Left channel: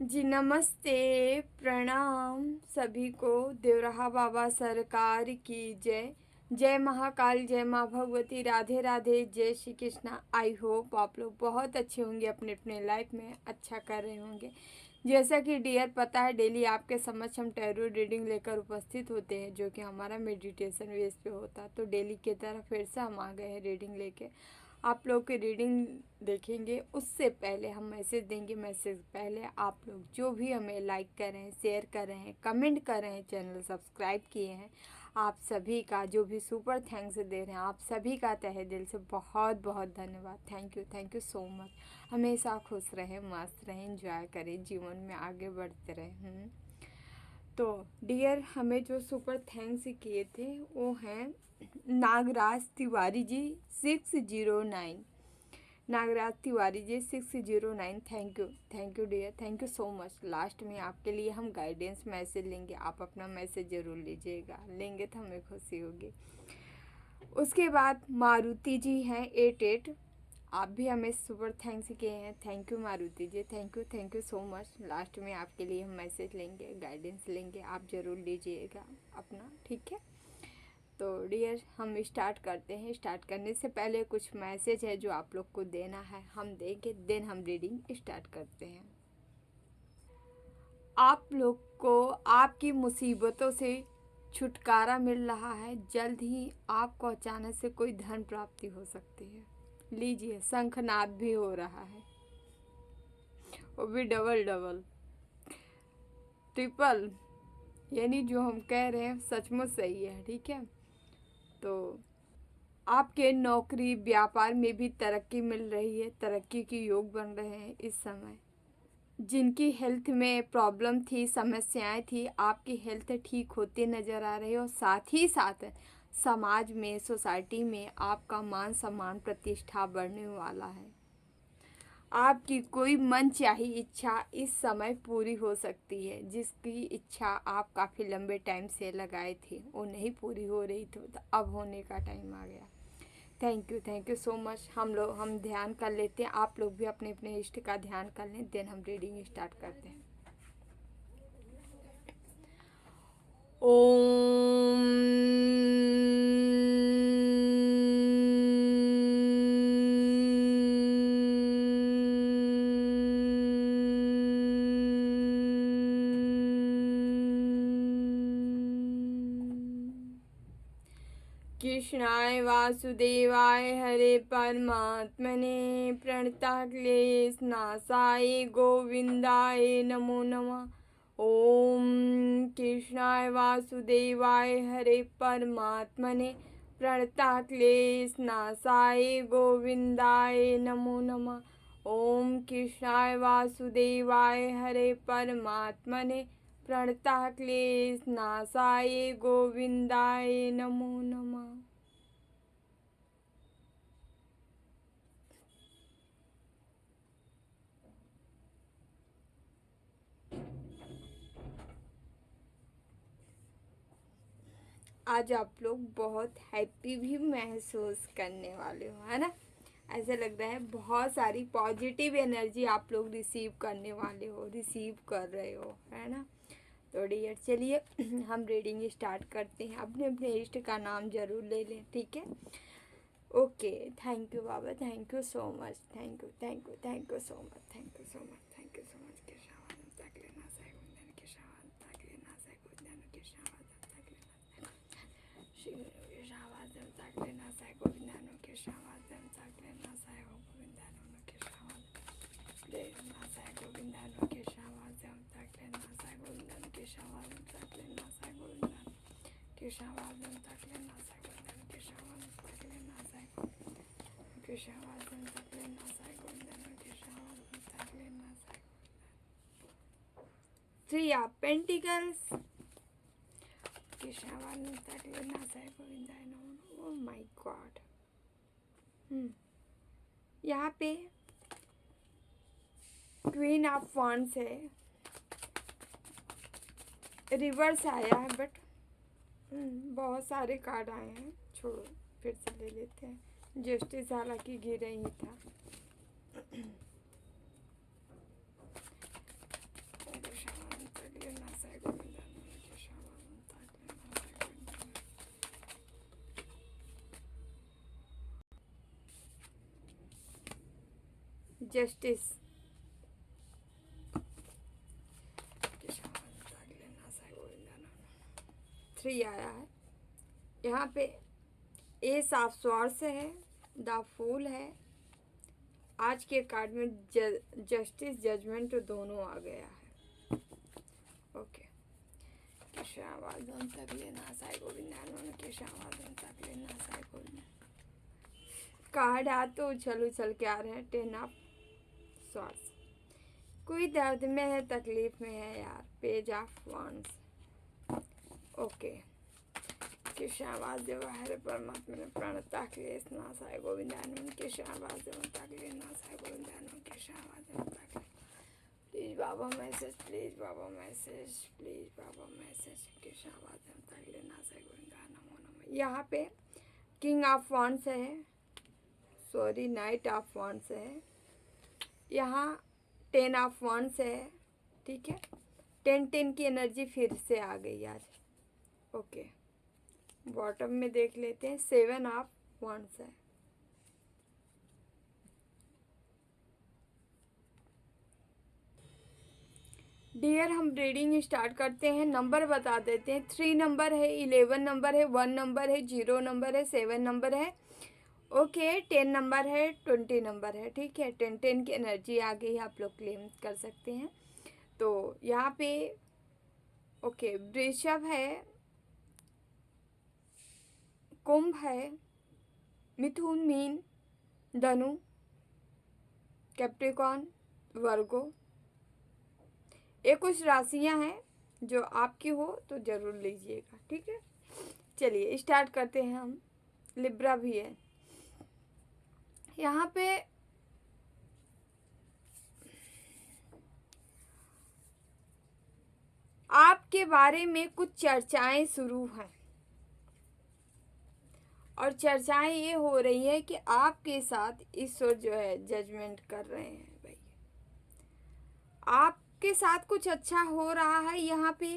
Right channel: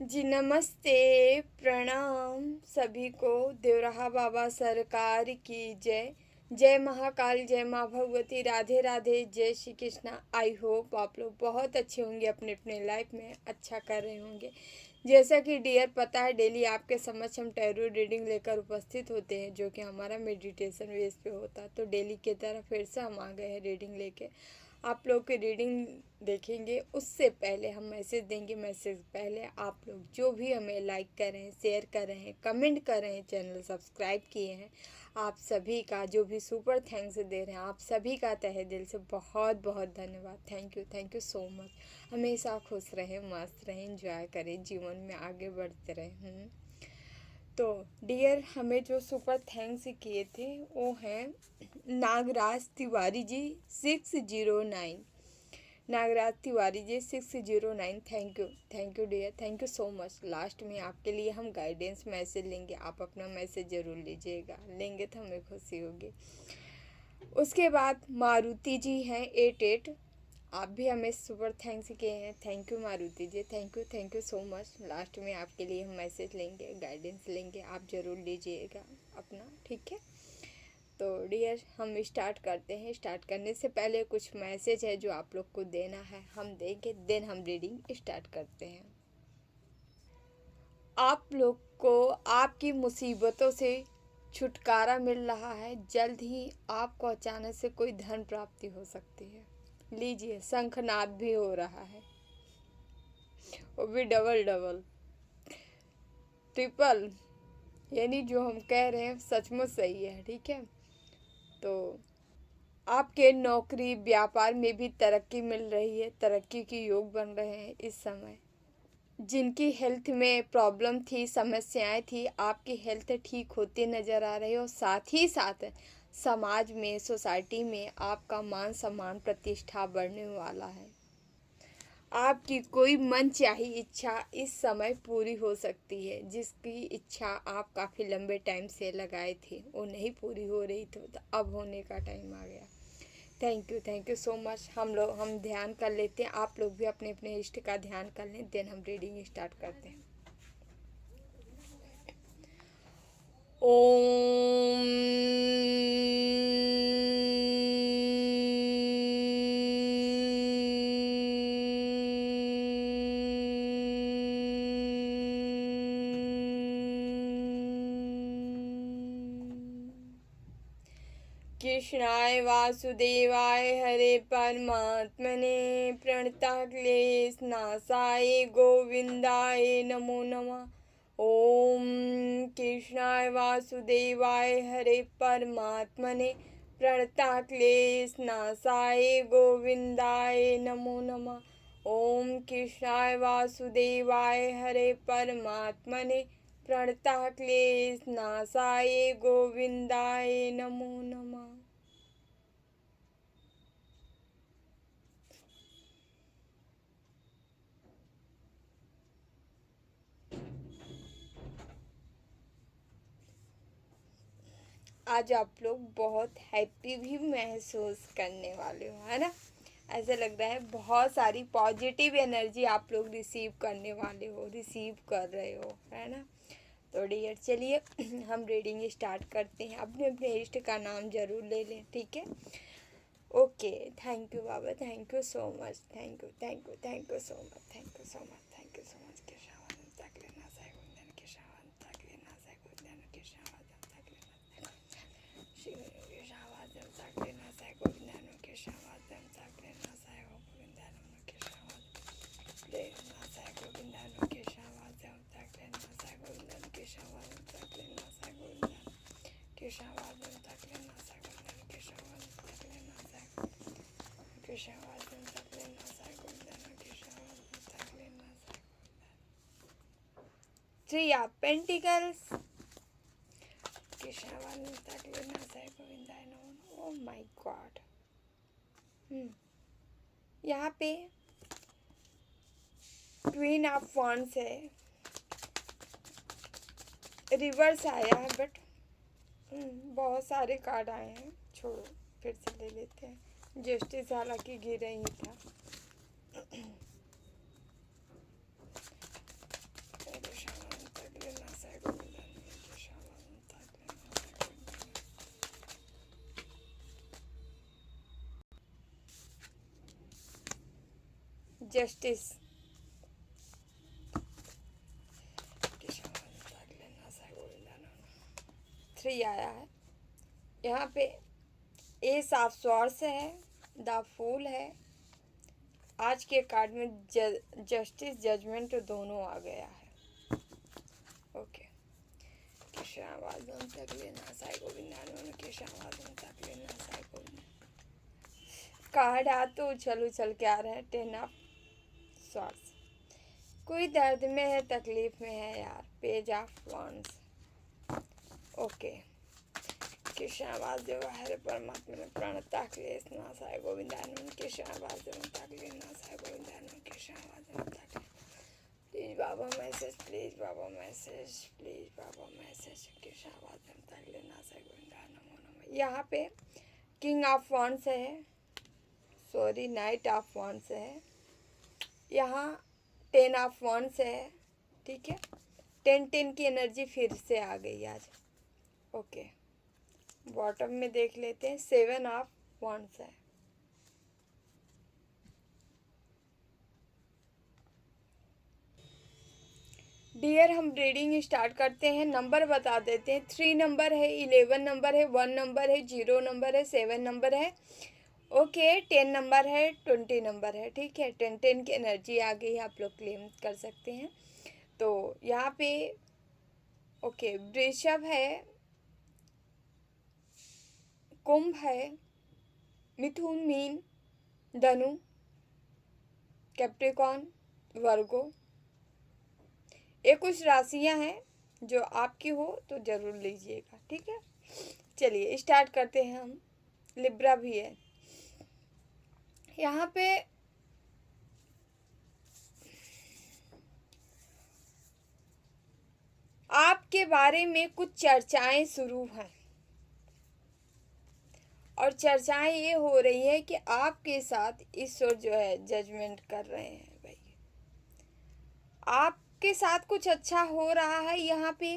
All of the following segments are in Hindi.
जी नमस्ते, प्रणाम सभी को। देवराहा बाबा सरकार की जय। जय महाकाल, जय माँ भगवती, राधे राधे, जय श्री कृष्णा। आई होप आप लोग बहुत अच्छे होंगे, अपने अपने लाइफ में अच्छा कर रहे होंगे। जैसा कि डियर पता है, डेली आपके समक्ष हम टैरो रीडिंग लेकर उपस्थित होते हैं, जो कि हमारा मेडिटेशन बेस पे होता है। तो डेली की तरह फिर से हम आ गए हैं रीडिंग लेके। आप लोग की रीडिंग देखेंगे उससे पहले हम मैसेज देंगे। मैसेज पहले आप लोग जो भी हमें लाइक कर रहे हैं, शेयर कर रहे हैं, कमेंट कर रहे हैं, चैनल सब्सक्राइब किए हैं, आप सभी का जो भी सुपर थैंक्स दे रहे हैं, आप सभी का तहे दिल से बहुत बहुत धन्यवाद। Thank you so much. हमेशा खुश रहें, मस्त रहें, इंजॉय करें, जीवन में आगे बढ़ते रहें। तो डियर, हमें जो सुपर थैंक्स किए थे वो हैं Nagraj Tiwari ji 609। Nagraj Tiwari ji 609, thank you dear, thank you so much. Last में आपके लिए हम गाइडेंस मैसेज लेंगे, आप अपना मैसेज ज़रूर लीजिएगा, लेंगे तो हमें खुशी होगी। उसके बाद मारुति जी हैं 88, आप भी हमें सुपर थैंक्स किए हैं। Thank you Maruti ji, thank you so much. Last में आपके लिए हम मैसेज लेंगे, गाइडेंस लेंगे, आप ज़रूर लीजिएगा अपना, ठीक है। तो डियर, हम स्टार्ट करते हैं। स्टार्ट करने से पहले कुछ मैसेज है जो आप लोग को देना है, हम देंगे, देन हम रीडिंग स्टार्ट करते हैं। आप लोग को आपकी मुसीबतों से छुटकारा मिल रहा है। जल्द ही आपको अचानक से कोई धन प्राप्ति हो सकती है। लीजिए, शंखनाद भी हो रहा है, वो भी डबल डबल, ट्रिपल, यानी जो हम कह रहे हैं सचमुच सही है, ठीक है। तो आपके नौकरी व्यापार में भी तरक्की मिल रही है, तरक्की के योग बन रहे हैं इस समय। जिनकी हेल्थ में प्रॉब्लम थी, समस्याएं थी, आपकी हेल्थ ठीक होती नज़र आ रही है। और साथ ही साथ समाज में, सोसाइटी में आपका मान सम्मान, प्रतिष्ठा बढ़ने वाला है। आपकी कोई मनचाही इच्छा इस समय पूरी हो सकती है। जिसकी इच्छा आप काफ़ी लंबे टाइम से लगाए थे, वो नहीं पूरी हो रही थी, तो अब होने का टाइम आ गया। Thank you so much. हम ध्यान कर लेते हैं, आप लोग भी अपने अपने इष्ट का ध्यान कर लें, देन हम रीडिंग स्टार्ट करते हैं। ओम कृष्णाय वासुदेवाय हरे परमात्मने प्रणतक्लेशनाशाय गोविंदाय नमो नमः। ओम कृष्णाय वासुदेवाय हरे परमात्मने प्रणतक्लेशनाशाय गोविंदाय नमो नमः। ओम कृष्णाय वासुदेवाय हरे परमात्मने प्रणतक्लेशनाशाय गोविंदाय नमो नमः। आज आप लोग बहुत हैप्पी भी महसूस करने वाले हो, है ना। ऐसा लग रहा है बहुत सारी पॉजिटिव एनर्जी आप लोग रिसीव करने वाले हो, रिसीव कर रहे हो, है ना। तो डियर, चलिए हम रीडिंग स्टार्ट करते हैं। अपने अपने इष्ट का नाम जरूर ले लें, ठीक है। Okay, thank you Baba, thank you so much, thank you so much, thank you so much, thank you so much. Three of Pentacles. Oh my God. यहाँ पे क्वीन ऑफ वॉन्ड्स है, रिवर्स आया है, बट बहुत सारे कार्ड आए हैं, छोड़ो फिर से ले लेते हैं। जस्टिस हालांकि गिर ही था। जस्टिस, 3 आया है यहाँ पे। एस ऑफ स्वॉर्ड्स है, द फूल है। आज के कार्ड में जस्टिस, जजमेंट दोनों आ गया है। ओके, कार्ड आ तो उछल के आ रहे हैं। 10 ऑफ स्वॉर्ड्स, कोई दर्द में है, तकलीफ में है यार। Page of wands. Okay, Krishna Vasudev Hare परमात्मा ने प्रणता क्लेश नाशाय गोविंदानंद, कृष्ण वासुदेव ताकले नाशाय गोविंदानंद, कृष्ण वासुदेव ताकले। प्लीज बाबा मैसेज, प्लीज बाबा मैसेज, प्लीज बाबा मैसेज। कृष्ण वासुदेव ताकले नाशाय गोविंदानंद। यहाँ पे किंग ऑफ वॉन्ड्स है, सॉरी नाइट ऑफ वॉन्ड्स है। यहाँ 10 ऑफ वॉन्ड्स है, ठीक है। 10 की एनर्जी फिर से आ गई आज। ओके, बॉटम में देख लेते हैं। 7 ऑफ वॉन्ड्स है। डियर, हम रीडिंग स्टार्ट करते हैं। नंबर बता देते हैं। 3 नंबर है, 11 नंबर है, 1 नंबर है, 0 नंबर है, 7 नंबर है। ओके, 10 नंबर है, 20 नंबर है, ठीक है। 10 की एनर्जी आ गई, आप लोग क्लेम कर सकते हैं। तो यहाँ पे ओके, वृषभ है, कुंभ है, मिथुन, मीन, धनु, कैप्रिकॉर्न, वर्गो। ये कुछ राशियां हैं जो आपकी हो तो जरूर लीजिएगा, ठीक है। चलिए स्टार्ट करते हैं हम। लिब्रा भी है यहाँ पे। आपके बारे में कुछ चर्चाएं शुरू हैं, और चर्चाएं ये हो रही है कि आपके साथ ईश्वर जो है जजमेंट कर रहे हैं। भाई, आपके साथ कुछ अच्छा हो रहा है यहाँ पे।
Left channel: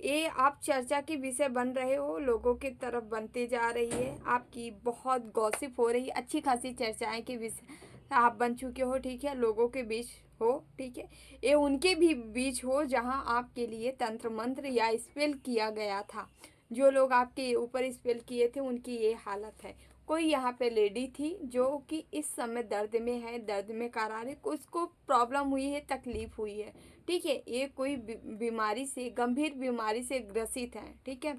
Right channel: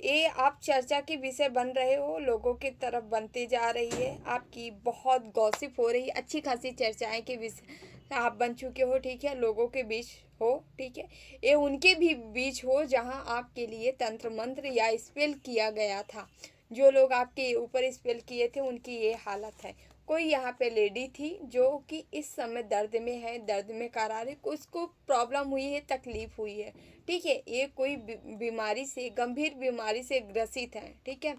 ये आप चर्चा के विषय बन रहे हो, लोगों की तरफ बनते जा रही है। आपकी बहुत गॉसिप हो रही है, अच्छी खासी चर्चाएं के विषय आप बन चुके हो, ठीक है। लोगों के बीच हो, ठीक है। ये उनके भी बीच हो जहां आपके लिए तंत्र मंत्र या स्पेल किया गया था। जो लोग आपके ऊपर स्पेल किए थे उनकी ये हालत है। कोई यहाँ पे लेडी थी जो कि इस समय दर्द में है, दर्द में करार है, उसको प्रॉब्लम हुई है, तकलीफ हुई है, ठीक है। ये कोई बीमारी से, गंभीर बीमारी से ग्रसित है, ठीक है।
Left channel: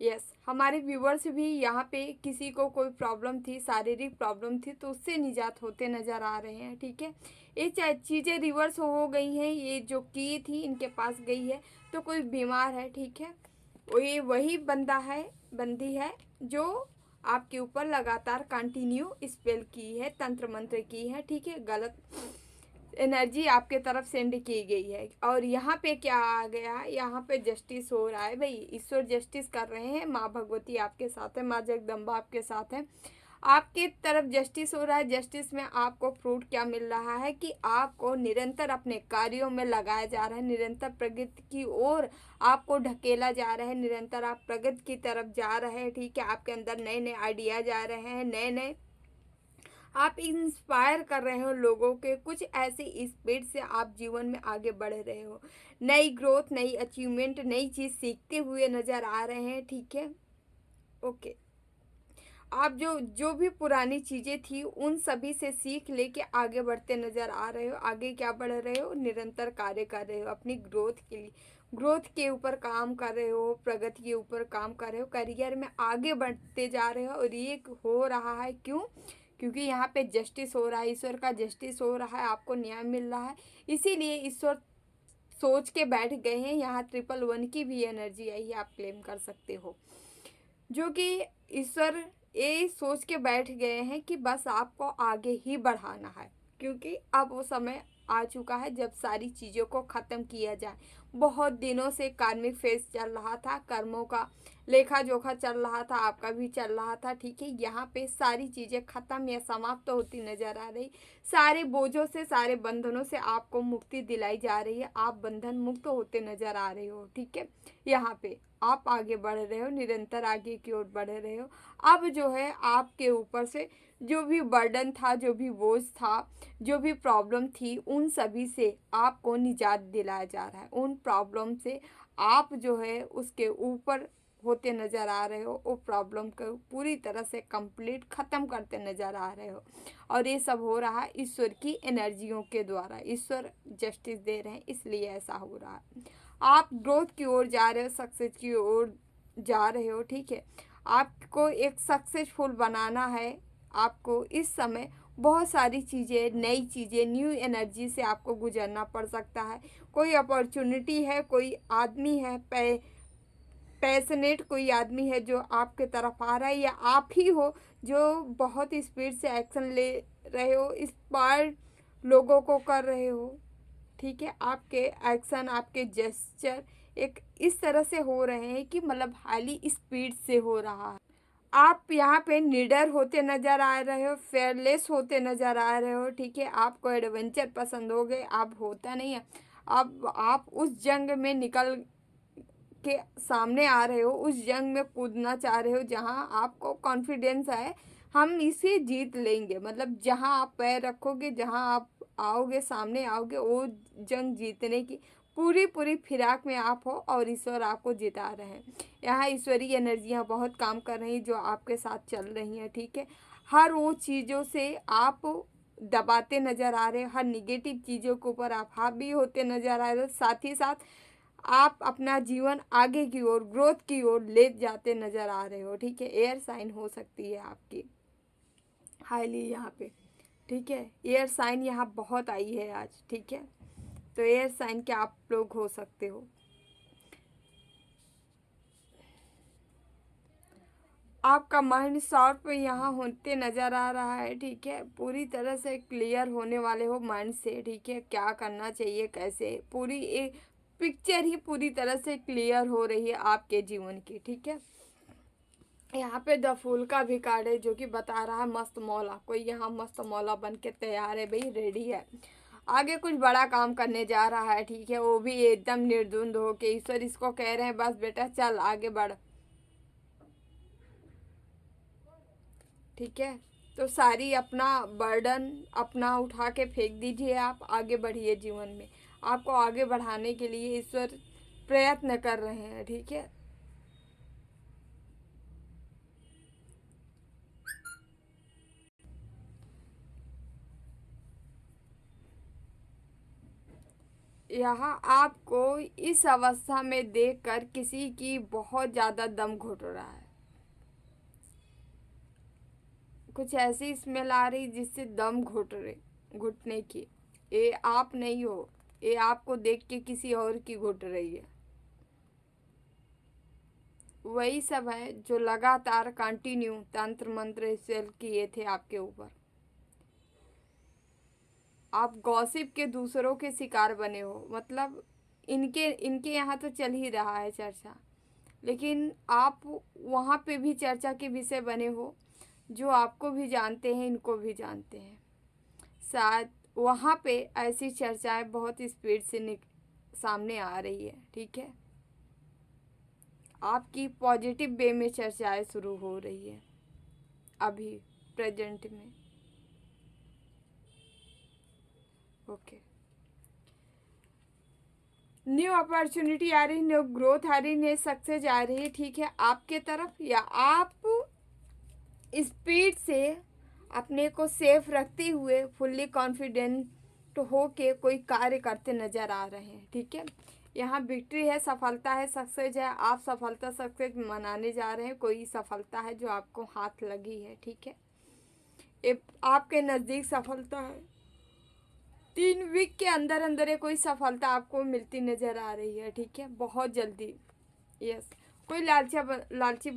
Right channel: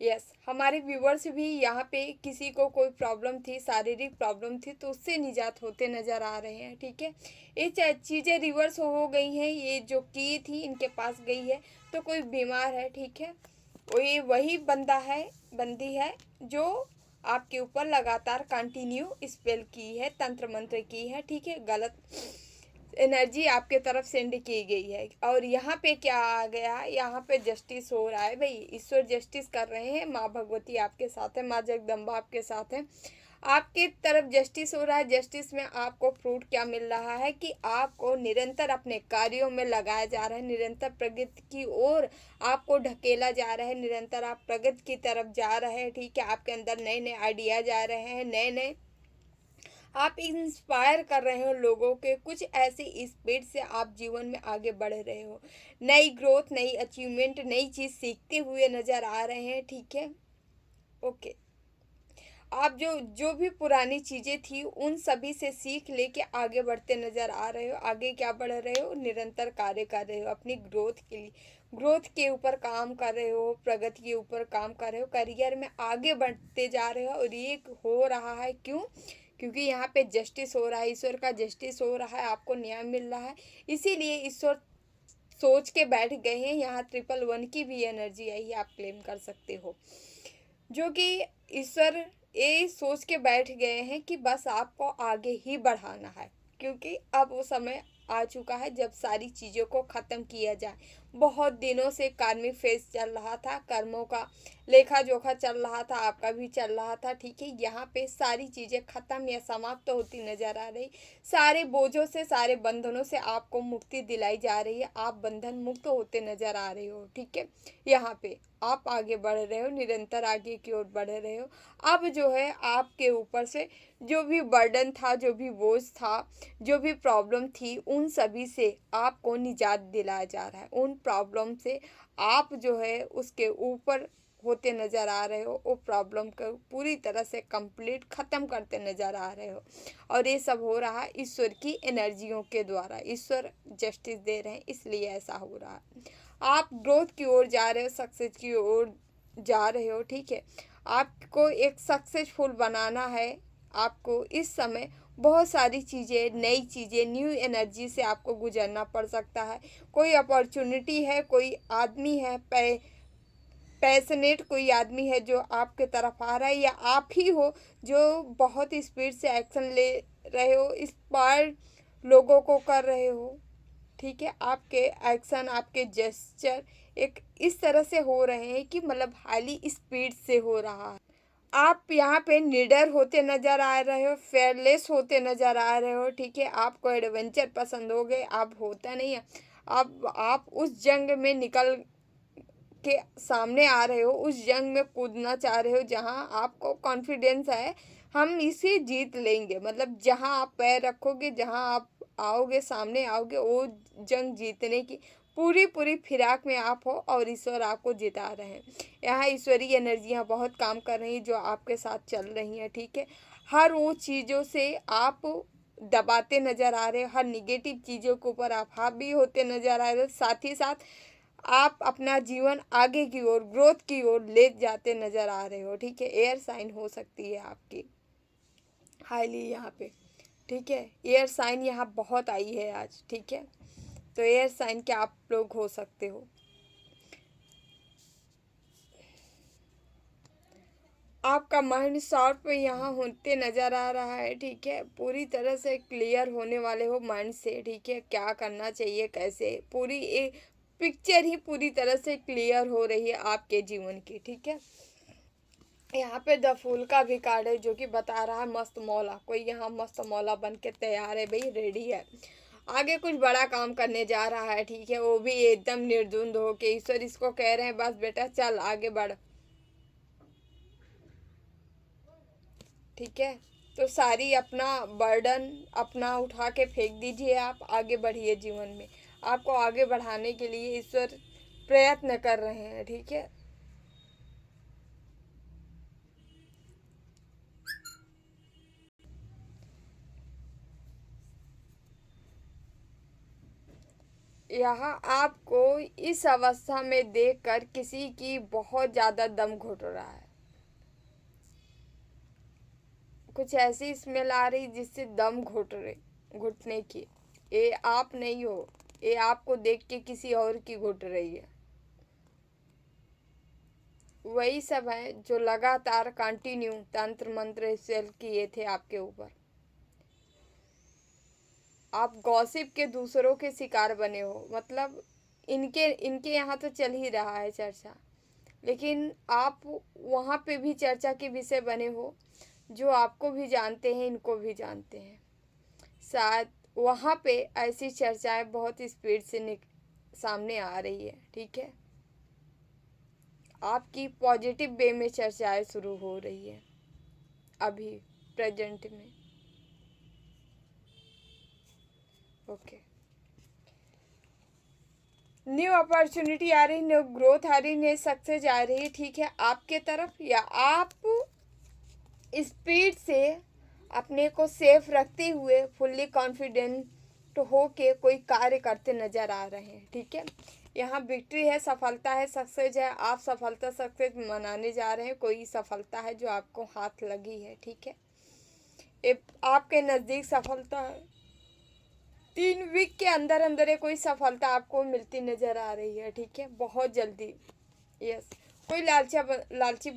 यस, हमारे व्यूवर्स भी यहाँ पे किसी को कोई प्रॉब्लम थी, शारीरिक प्रॉब्लम थी, तो उससे निजात होते नज़र आ रहे हैं, ठीक है। ये चीज़ें रिवर्स हो गई हैं। ये जो की थी इनके पास गई है, तो कोई बीमार है, ठीक है। ये वही बंदा है, बंदी है जो आपके ऊपर लगातार कंटिन्यू स्पेल की है, तंत्र मंत्र की है, ठीक है। गलत एनर्जी आपके तरफ सेंड की गई है। और यहाँ पे क्या आ गया, यहाँ पे जस्टिस हो रहा है। भाई, ईश्वर जस्टिस कर रहे हैं। माँ भगवती आपके साथ है, माँ जगदम्बा आपके साथ है, आपके तरफ जस्टिस हो रहा है। जस्टिस में आपको फ्रूट क्या मिल रहा है कि आपको निरंतर अपने कार्यों में लगाया जा रहा है, निरंतर प्रगति की ओर आपको ढकेला जा रहा है, निरंतर आप प्रगति की तरफ जा रहे हैं, ठीक है। आपके अंदर नए नए आइडिया जा रहे हैं, नए नए आप इंस्पायर कर रहे हो लोगों के। कुछ ऐसी स्पीड से आप जीवन में आगे बढ़ रहे हो, नई ग्रोथ, नई अचीवमेंट, नई चीज़ सीखते हुए नज़र आ रहे हैं, ठीक है। ओके, आप जो भी पुरानी चीज़ें थी उन सभी से सीख लेके आगे बढ़ते नज़र आ रहे हो। आगे क्या बढ़ रहे हो, निरंतर कार्य कर रहे हो अपनी ग्रोथ के लिए, ग्रोथ के ऊपर काम कर रहे हो, प्रगति के ऊपर काम कर रहे हो, करियर में आगे बढ़ते जा रहे हो। और ये हो रहा है क्यों? क्योंकि यहाँ पे जस्टिस हो रहा है, ईश्वर का जस्टिस हो रहा है, आपको न्याय मिल रहा है। इसीलिए ईश्वर सोच के बैठ गए हैं। यहाँ 111 की भी एनर्जी आई है, आप क्लेम कर सकते हो, जो कि ईश्वर ये सोच के बैठ गए हैं कि बस आपको आगे ही बढ़ाना है। क्योंकि अब वो समय आ चुका है जब सारी चीज़ों को ख़त्म किया जाए। बहुत दिनों से कार्मिक फेज चल रहा था, कर्मों का लेखा जोखा चल रहा था, आपका भी चल रहा था, ठीक है। यहाँ पे सारी चीज़ें ख़त्म या समाप्त तो होती नज़र आ रही। सारे बोझों से, सारे बंधनों से आपको मुक्ति दिलाई जा रही है। आप बंधन मुक्त होते नज़र आ रहे हो, ठीक है। यहाँ पे आप आगे बढ़ रहे हो, निरंतर आगे की ओर बढ़ रहे हो। अब जो है आपके ऊपर से जो भी बर्डन था, जो भी बोझ था, जो भी प्रॉब्लम थी, उन सभी से आपको निजात दिलाया जा रहा है। उन प्रॉब्लम से आप जो है उसके ऊपर होते नज़र आ रहे हो। वो प्रॉब्लम को पूरी तरह से कंप्लीट ख़त्म करते नज़र आ रहे हो। और ये सब हो रहा है ईश्वर की एनर्जियों के द्वारा। ईश्वर जस्टिस दे रहे हैं, इसलिए ऐसा हो रहा है। आप ग्रोथ की ओर जा रहे हो, सक्सेस की ओर जा रहे हो, ठीक है। आपको एक सक्सेसफुल बनाना है। आपको इस समय बहुत सारी चीज़ें, नई चीज़ें, न्यू एनर्जी से आपको गुजरना पड़ सकता है। कोई अपॉर्चुनिटी है, कोई आदमी है, पैशनेट कोई आदमी है जो आपके तरफ आ रहा है, या आप ही हो जो बहुत स्पीड से एक्शन ले रहे हो, इंस्पायर लोगों को कर रहे हो, ठीक है। आपके एक्शन, आपके जेस्चर एक इस तरह से हो रहे हैं कि मतलब हाईली स्पीड से हो रहा है। आप यहाँ पे निडर होते नज़र आ रहे हो, फेयरलेस होते नज़र आ रहे हो, ठीक है। आपको एडवेंचर पसंद हो गए, आप होता नहीं है। अब आप उस जंग में निकल के सामने आ रहे हो, उस जंग में कूदना चाह रहे हो जहाँ आपको कॉन्फिडेंस है हम इसे जीत लेंगे। मतलब जहाँ आप पैर रखोगे, जहाँ आप आओगे, सामने आओगे, वो जंग जीतने की पूरी पूरी फिराक में आप हो और ईश्वर आपको जिता रहे हैं। यहाँ ईश्वरीय एनर्जियाँ बहुत काम कर रही हैं जो आपके साथ चल रही हैं, ठीक है। हर वो चीज़ों से आप दबाते नज़र आ रहे हो, हर निगेटिव चीज़ों के ऊपर आप हावी होते नज़र आ रहे हो। साथ ही साथ आप अपना जीवन आगे की ओर, ग्रोथ की ओर ले जाते नज़र आ रहे हो, ठीक है। एयर साइन हो सकती है आपकी हाईली यहाँ पे, ठीक है। एयर साइन यहाँ बहुत आई है आज, ठीक है। तो एयर साइन के आप लोग हो सकते हो। आपका माइंड शार्प यहाँ होते नज़र आ रहा है, ठीक है। पूरी तरह से क्लियर होने वाले हो माइंड से, ठीक है। क्या करना चाहिए, कैसे, पूरी एक पिक्चर ही पूरी तरह से क्लियर हो रही है आपके जीवन की, ठीक है। यहाँ पे द फूल का भी कार्ड है जो कि बता रहा है मस्त मौला। कोई यहाँ मस्त मौला बन के तैयार है भाई, रेडी है, आगे कुछ बड़ा काम करने जा रहा है, ठीक है। वो भी एकदम निर्द्वंद हो के ईश्वर इसको कह रहे हैं बस बेटा चल आगे बढ़, ठीक है। तो सारी अपना बर्डन अपना उठा के फेंक दीजिए, आप आगे बढ़िए जीवन में। आपको आगे बढ़ाने के लिए ईश्वर प्रयत्न कर रहे हैं, ठीक है। यहाँ आपको इस अवस्था में देखकर किसी की बहुत ज़्यादा दम घुट रहा है। कुछ ऐसी स्मेल आ रही जिससे दम घुटने की। ये आप नहीं हो, ये आपको देख के किसी और की घुट रही है। वही सब है जो लगातार कंटिन्यू तंत्र मंत्र सेल किए थे आपके ऊपर। आप गॉसिप के दूसरों के शिकार बने हो। मतलब इनके इनके यहाँ तो चल ही रहा है चर्चा, लेकिन आप वहाँ पे भी चर्चा के विषय बने हो। जो आपको भी जानते हैं, इनको भी जानते हैं। शायद वहाँ पे ऐसी चर्चाएं बहुत स्पीड से सामने आ रही है, ठीक है। आपकी पॉजिटिव वे में चर्चाएं शुरू हो रही है अभी प्रेजेंट में, ओके। न्यू अपॉर्चुनिटी आ रही, न्यू ग्रोथ आ रही, न्यू सक्सेस आ रही है, ठीक है, आपके तरफ। या आप स्पीड से अपने को सेफ रखते हुए फुल्ली कॉन्फिडेंट हो के कोई कार्य करते नज़र आ रहे हैं, ठीक है। यहाँ विक्ट्री है, सफलता है, सक्सेस है। आप सफलता सक्सेस मनाने जा रहे हैं। कोई सफलता है जो आपको हाथ लगी है, ठीक है। आपके नज़दीक सफलता है। 3 वीक के अंदर अंदर ये कोई सफलता आपको मिलती नज़र आ रही है, ठीक है, बहुत जल्दी। यस, कोई लालची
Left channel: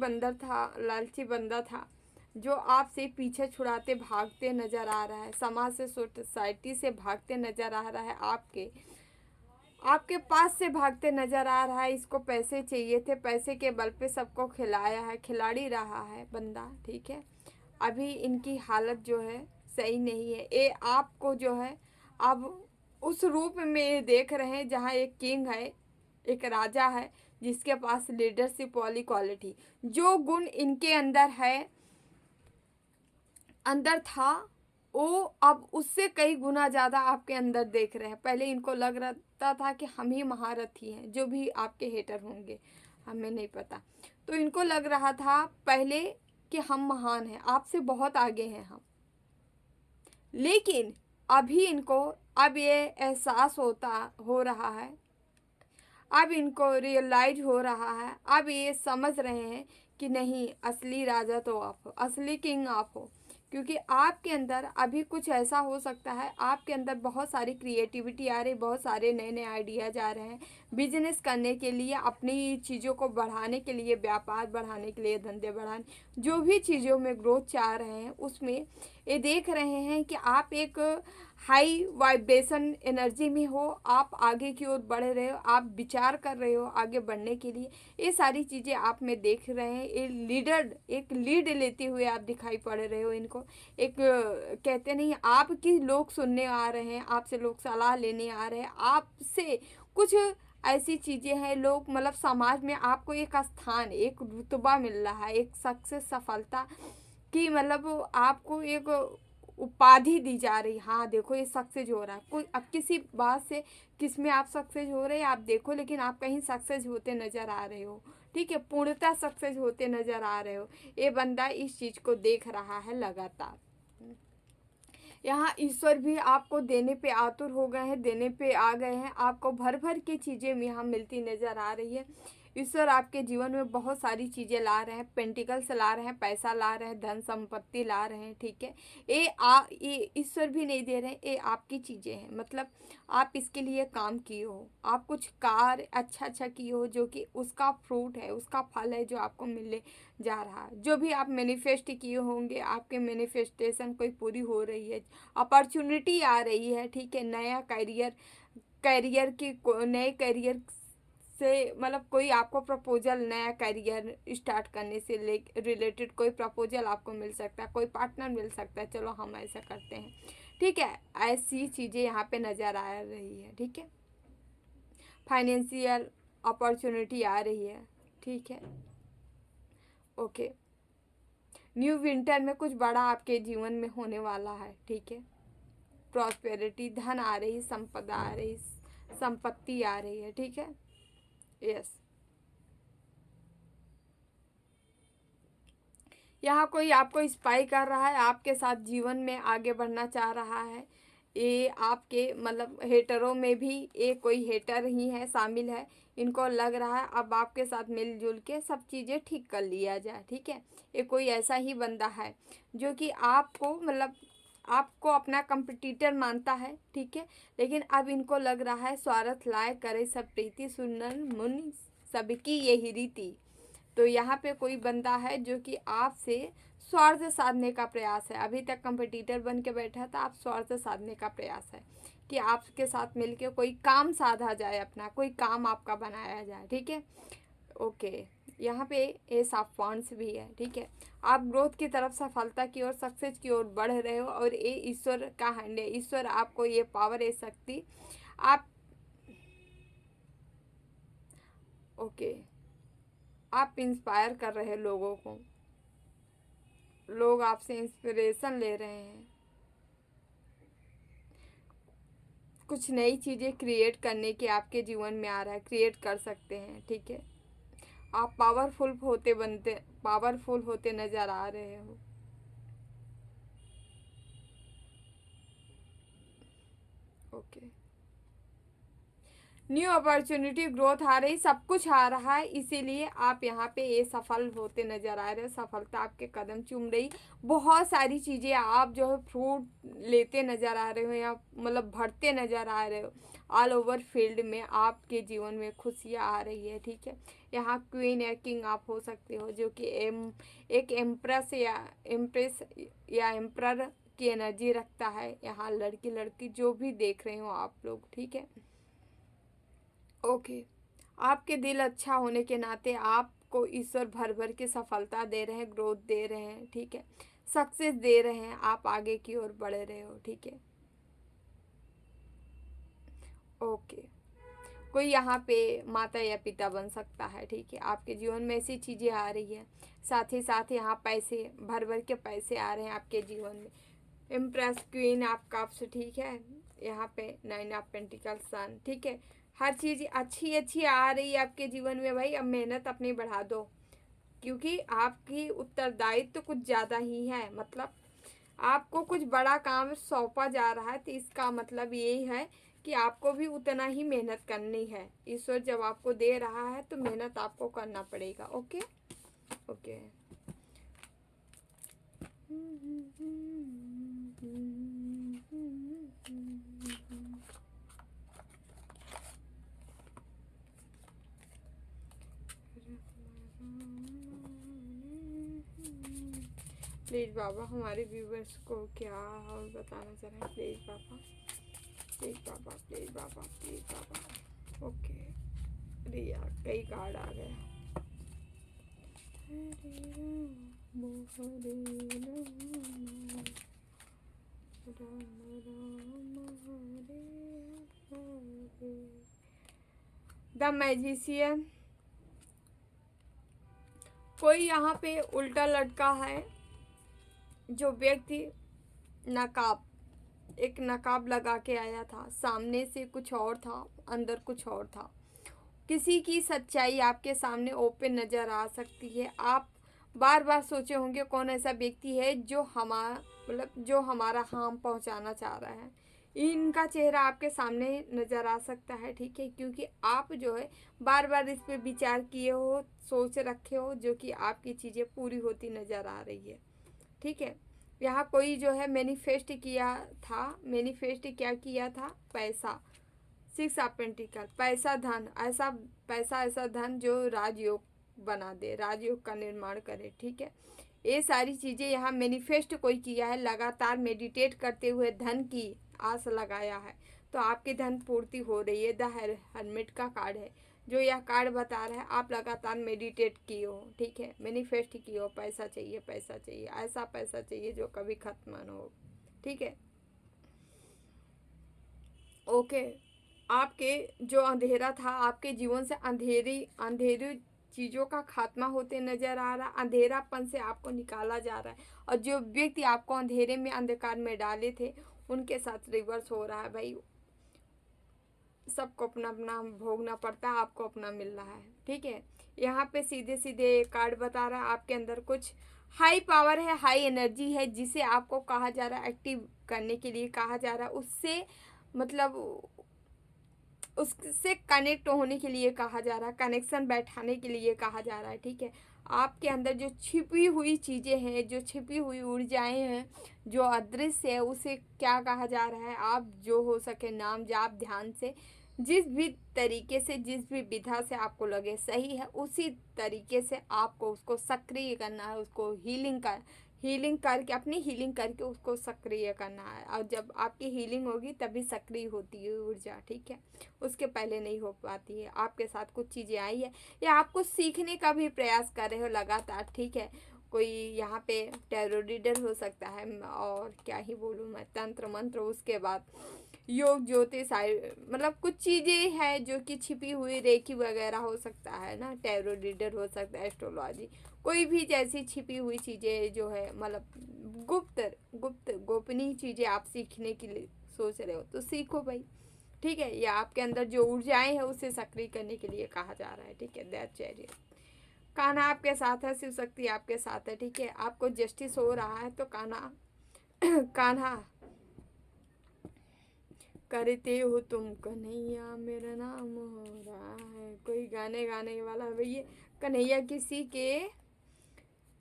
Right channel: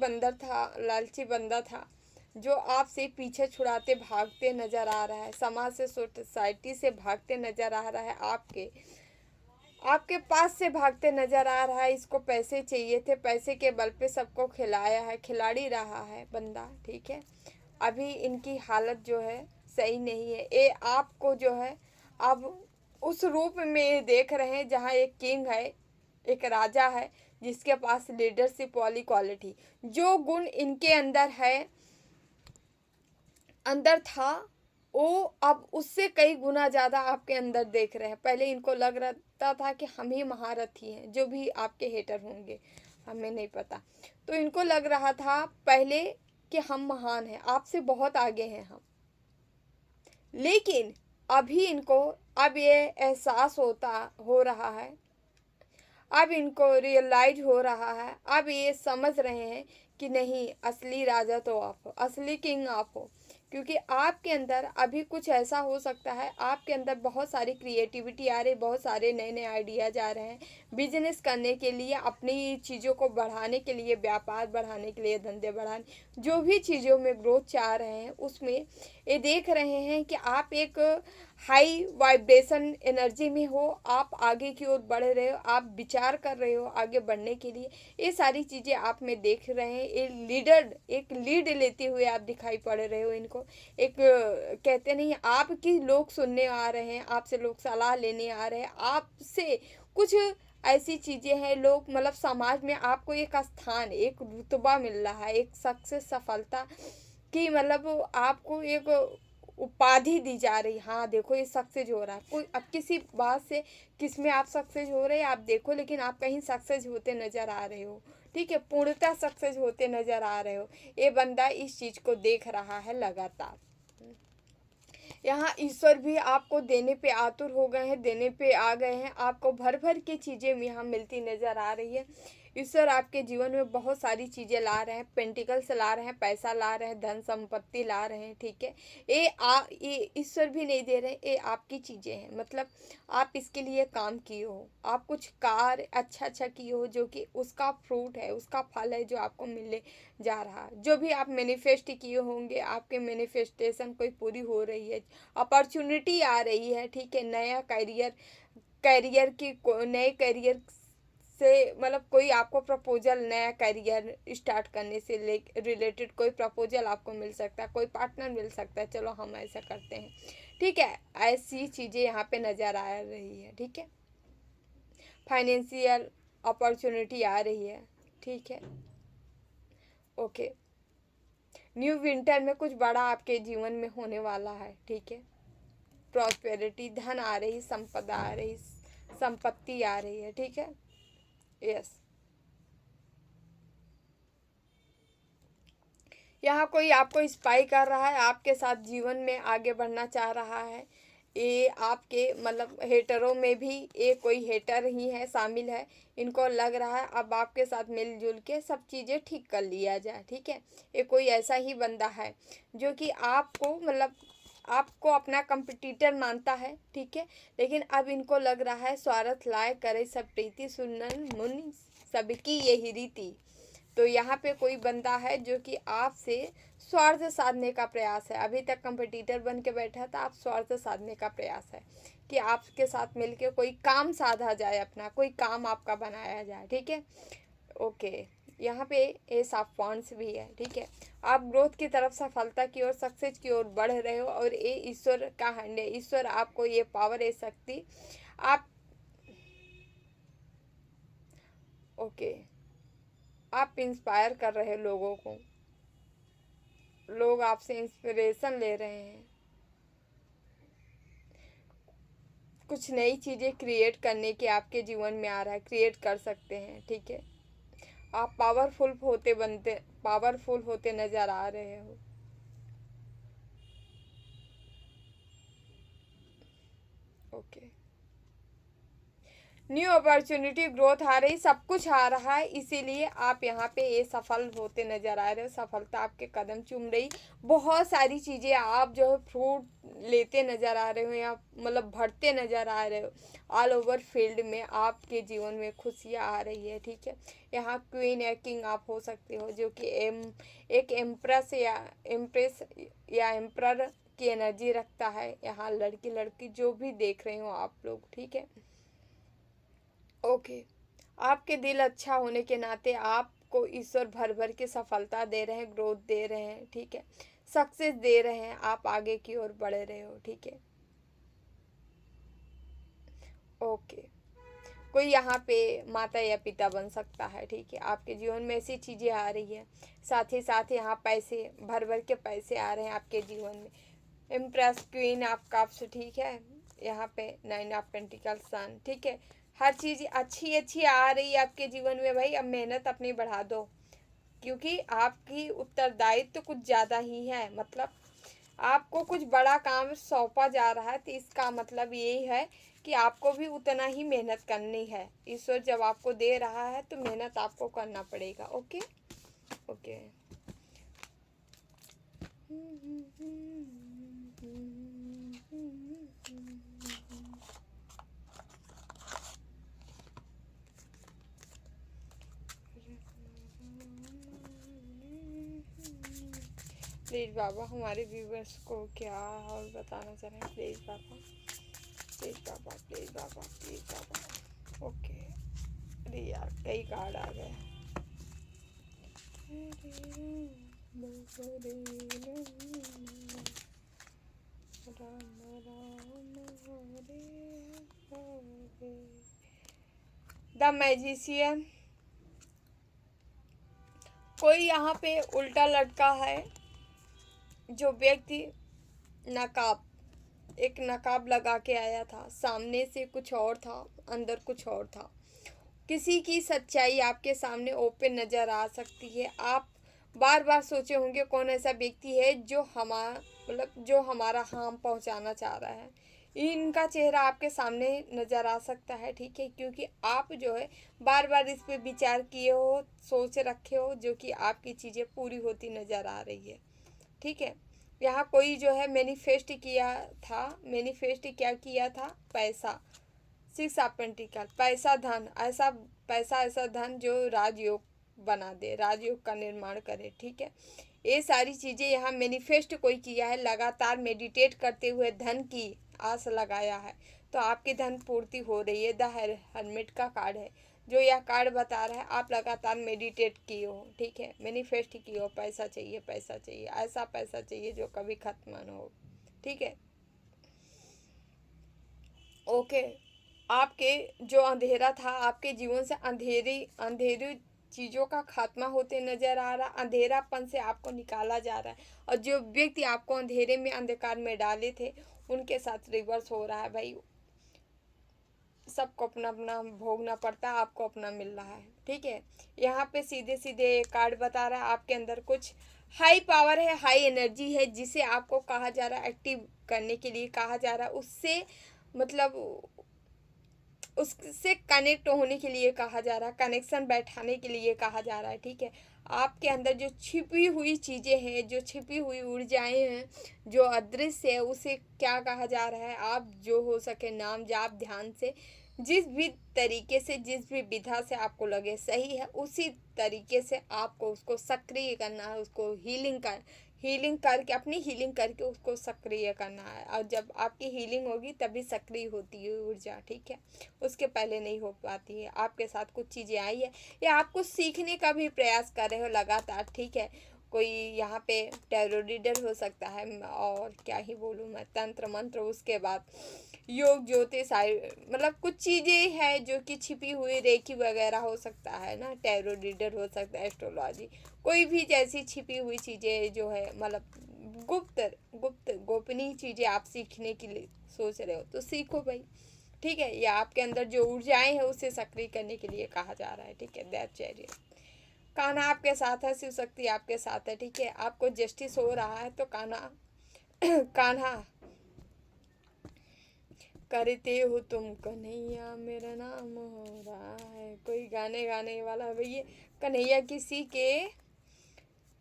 बंदा था जो आपसे पीछे छुड़ाते भागते नज़र आ रहा है, समाज से, सोसाइटी से भागते नज़र आ रहा है आपके। आपके पास से भागते नजर आ रहा है, इसको पैसे चाहिए थे, पैसे के बल पे सबको खिलाया है, खिलाड़ी रहा है बंदा, ठीक है। अभी इनकी हालत जो है सही नहीं है। ये आपको जो है अब उस रूप में ये देख रहे हैं जहाँ एक किंग है, एक राजा है, जिसके पास लीडरशिप वाली क्वालिटी, जो गुण इनके अंदर है, अंदर था, वो अब उससे कई गुना ज़्यादा आपके अंदर देख रहे हैं। पहले इनको लग रहा था कि हम ही महारथी हैं, जो भी आपके हेटर होंगे, हमें नहीं पता। तो इनको लग रहा था पहले कि हम महान हैं, आपसे बहुत आगे हैं हम। लेकिन अभी इनको अब ये एहसास हो रहा है, अब इनको रियलाइज हो रहा है, अब ये समझ रहे हैं कि नहीं, असली राजा तो आप हो, असली किंग आप हो। क्योंकि आपके अंदर अभी कुछ ऐसा हो सकता है, आपके अंदर बहुत सारी क्रिएटिविटी आ रही, बहुत सारे नए नए आइडियाज आ रहे हैं बिजनेस करने के लिए, अपनी चीज़ों को बढ़ाने के लिए, व्यापार बढ़ाने के लिए, धंधे बढ़ाने, जो भी चीज़ों में ग्रोथ चाह रहे हैं उसमें ये देख रहे हैं कि आप एक हाई वाइब्रेशन एनर्जी में हो, आप आगे की ओर बढ़ रहे हो, आप विचार कर रहे हो आगे बढ़ने के लिए। ये सारी चीज़ें आप में देख रहे हैं। ये एक लीड लेते हुए आप दिखाई पड़ रहे हो इनको। एक कहते नहीं, आपकी लोग सुनने आ रहे हैं, आपसे लोग सलाह लेने आ रहे हैं, आपसे कुछ ऐसी चीज़ें हैं, लोग मतलब समाज में आपको एक स्थान, एक रुतबा मिल रहा है, एक सक्सेस, सफलता की, मतलब आपको एक उपाधि दी जा रही। हाँ देखो, ये सक्सेस हो रहा है, कोई अब किसी बात से किस में आप सक्सेस हो रहे हैं आप देखो, लेकिन आप कहीं सक्सेस होते नज़र आ रहे हो, ठीक है, पूर्णतः सक्सेस होते नज़र आ रहे हो। ये बंदा इस चीज़ को देख रहा है लगातार। यहाँ ईश्वर भी आपको देने पे आतुर हो गए हैं, देने पे आ गए हैं, आपको भर भर के चीज़ें यहाँ मिलती नज़र आ रही है। ईश्वर आपके जीवन में बहुत सारी चीज़ें ला रहे हैं, पेंटिकल्स ला रहे हैं, पैसा ला रहे हैं, धन संपत्ति ला रहे हैं, ठीक है। ये ईश्वर भी नहीं दे रहे, ये आपकी चीज़ें हैं, मतलब आप इसके लिए काम किए हो, आप कुछ कार्य अच्छा किए हो, जो कि उसका फ्रूट है, उसका फल है जो आपको मिलने जा रहा है। जो भी आप मैनिफेस्ट किए होंगे, आपके मैनिफेस्टेशन कोई पूरी हो रही है, अपॉर्चुनिटी आ रही है, ठीक है। नया करियर, नए करियर से मतलब कोई आपको प्रपोजल, नया करियर स्टार्ट करने से रिलेटेड कोई प्रपोजल आपको मिल सकता है, कोई पार्टनर मिल सकता है, चलो हम ऐसा करते हैं, ठीक है। ऐसी चीज़ें यहाँ पे नज़र आ रही है, ठीक है। फाइनेंशियल अपॉर्चुनिटी आ रही है, ठीक है, ओके। न्यू विंटर में कुछ बड़ा आपके जीवन में होने वाला है, ठीक है। प्रॉस्पेरिटी, धन आ रही, संपदा आ रही, संपत्ति आ रही है, ठीक है, यस। यहाँ कोई आपको स्पाई कर रहा है, आपके साथ जीवन में आगे बढ़ना चाह रहा है। ये आपके मतलब हेटरों में भी ये कोई हेटर ही है, शामिल है। इनको लग रहा है अब आपके साथ मिलजुल के सब चीज़ें ठीक कर लिया जाए, ठीक है। ये कोई ऐसा ही बंदा है जो कि आपको मतलब आपको अपना कंपटीटर मानता है, ठीक है। लेकिन अब इनको लग रहा है स्वार्थ लाए करे सब प्रीति, सुनन मुनि सबकी यही रीति। तो यहाँ पे कोई बंदा है जो कि आपसे स्वार्थ साधने का प्रयास है। अभी तक कंपटीटर बन के बैठा था, आप स्वार्थ साधने का प्रयास है कि आपके साथ मिलके कोई काम साधा जाए, अपना कोई काम आपका बनाया जाए, ठीक है, ओके। यहाँ पे एस ऑफ वांड्स भी है, ठीक है। आप ग्रोथ की तरफ, सफलता की ओर, सक्सेस की ओर बढ़ रहे हो, और ये ईश्वर का हैंड है। ईश्वर आपको ये पावर, ये शक्ति, आप ओके, आप इंस्पायर कर रहे हैं लोगों को, लोग आपसे इंस्पिरेशन ले रहे हैं, कुछ नई चीज़ें क्रिएट करने के आपके जीवन में आ रहा है, क्रिएट कर सकते हैं, ठीक है। आप पावरफुल होते नज़र आ रहे हो, ओके। न्यू अपॉर्चुनिटी, ग्रोथ आ रही, सब कुछ आ रहा है, इसीलिए आप यहाँ पे ये सफल होते नज़र आ रहे हो, सफलता आपके कदम चूम रही। बहुत सारी चीज़ें आप जो है फ्रूट लेते नज़र आ रहे हो, या मतलब बढ़ते नज़र आ रहे हो। ऑल ओवर फील्ड में आपके जीवन में खुशियाँ आ रही है, ठीक है। यहाँ क्वीन या किंग आप हो सकते हो, जो कि एक एम्प्रेस या एम्प्रर की एनर्जी रखता है। यहाँ लड़की लड़की जो भी देख रहे हो आप लोग, ठीक है। ओके, आपके दिल अच्छा होने के नाते आपको ईश्वर भर भर के सफलता दे रहे हैं, ग्रोथ दे रहे हैं, ठीक है, सक्सेस दे रहे हैं, आप आगे की ओर बढ़ रहे हो, ठीक है। ओके, कोई यहाँ पे माता या पिता बन सकता है, ठीक है, आपके जीवन में ऐसी चीज़ें आ रही है। साथ ही साथ यहाँ पैसे भर भर के पैसे आ रहे हैं आपके जीवन में। इम्प्रेस क्वीन आपका आपसे, ठीक है, यहाँ पे 9 ऑफ पेंटिकल सन, ठीक है, हर चीज़ अच्छी अच्छी आ रही है आपके जीवन में। भाई अब मेहनत अपनी बढ़ा दो, क्योंकि आपकी उत्तरदायित्व तो कुछ ज़्यादा ही है, मतलब आपको कुछ बड़ा काम सौंपा जा रहा है, तो इसका मतलब यही है कि आपको भी उतना ही मेहनत करनी है। ईश्वर जब आपको दे रहा है तो मेहनत आपको करना पड़ेगा। Okay okay. प्लीज़ बाबा हमारे व्यूवर्स को क्या और बताना चाह रहे हैं, please Baba, please Baba, please Baba, please Baba. Okay, अरे यार कई कार्ड आ गए। द मैजिशियन, कोई यहाँ पे उल्टा लटका है। जो व्यक्ति एक नकाब लगा के आया था, सामने से कुछ और था, अंदर कुछ और था। किसी की सच्चाई आपके सामने ओपन नज़र आ सकती है। आप बार बार सोचे होंगे कौन ऐसा व्यक्ति है जो जो हमारा हार्म पहुंचाना चाह रहा है। इनका चेहरा आपके सामने नज़र आ सकता है, ठीक है, क्योंकि आप जो है बार बार इस पे विचार किए हो, सोच रखे हो, जो कि आपकी चीज़ें पूरी होती नज़र आ रही है, ठीक है। यहाँ कोई जो है मैनिफेस्ट क्या किया था, पैसा, 6 ऑफ पेंटिकल, पैसा धन, ऐसा धन जो राजयोग बना दे, राजयोग का निर्माण करे, ठीक है। ये सारी चीज़ें यहाँ मैनिफेस्ट कोई किया है, लगातार मेडिटेट करते हुए धन की आस लगाया है, तो आपकी धन पूर्ति हो रही है। द हर्मिट का कार्ड है जो यह कार्ड बता रहा है। आप लगातार मेडिटेट किए हो, ठीक है, मैनिफेस्ट किए हो, पैसा चाहिए, पैसा चाहिए, ऐसा पैसा चाहिए जो कभी खत्म न हो, ठीक है। ओके, आपके जो अंधेरा था, आपके जीवन से अंधेरी चीज़ों का खात्मा होते नज़र आ रहा, अंधेरापन से आपको निकाला जा रहा है, और जो व्यक्ति आपको अंधेरे में, अंधकार में डाले थे, उनके साथ रिवर्स हो रहा है। भाई सबको अपना अपना भोगना पड़ता है, आपको अपना मिल रहा है, ठीक है। यहाँ पे सीधे सीधे कार्ड बता रहा है आपके अंदर कुछ हाई पावर है, हाई एनर्जी है, जिसे आपको कहा जा रहा है, एक्टिव करने के लिए कहा जा रहा है, उससे मतलब उससे कनेक्ट होने के लिए कहा जा रहा है, कनेक्शन बैठाने के लिए कहा जा रहा है, ठीक है। आपके अंदर जो छिपी हुई चीज़ें हैं, जो छिपी हुई ऊर्जाएं हैं, जो अदृश्य है, उसे क्या कहा जा रहा है, आप जो हो सके नाम जाप ध्यान से, जिस भी तरीके से, जिस भी विधा से आपको लगे सही है, उसी तरीके से आपको उसको सक्रिय करना है, उसको हीलिंग करके, अपनी हीलिंग करके उसको सक्रिय करना है। और जब आपकी हीलिंग होगी तभी सक्रिय होती है ऊर्जा, ठीक है, उसके पहले नहीं हो पाती है। आपके साथ कुछ चीज़ें आई है या आप कुछ सीखने का भी प्रयास कर रहे हो लगातार, ठीक है। कोई यहाँ पे टैरो रीडर हो सकता है, और क्या ही बोलूँ मैं, तंत्र मंत्र, उसके बाद योग ज्योतिष, मतलब कुछ चीज़ें हैं जो कि छिपी हुई, रेकी वगैरह हो सकता है ना, टैरो रीडर हो सकता है, एस्ट्रोलॉजी, कोई भी जैसी छिपी हुई चीज़ें जो है, मतलब गुप्त गोपनीय चीज़ें आप सीखने के लिए सोच रहे हो तो सीखो भाई, ठीक है। या आपके अंदर जो ऊर्जाएं हैं उसे सक्रिय करने के लिए कहा जा रहा है, ठीक है। दैट चैरियट, कान्हा आपके साथ है, शिव शक्ति आपके साथ है, ठीक है। आपको जस्टिस हो रहा है तो कान्हा करते हो तुम कन्हैया, मेरा नाम हो रहा है। कोई गाने वाला भैया कन्हैया किसी के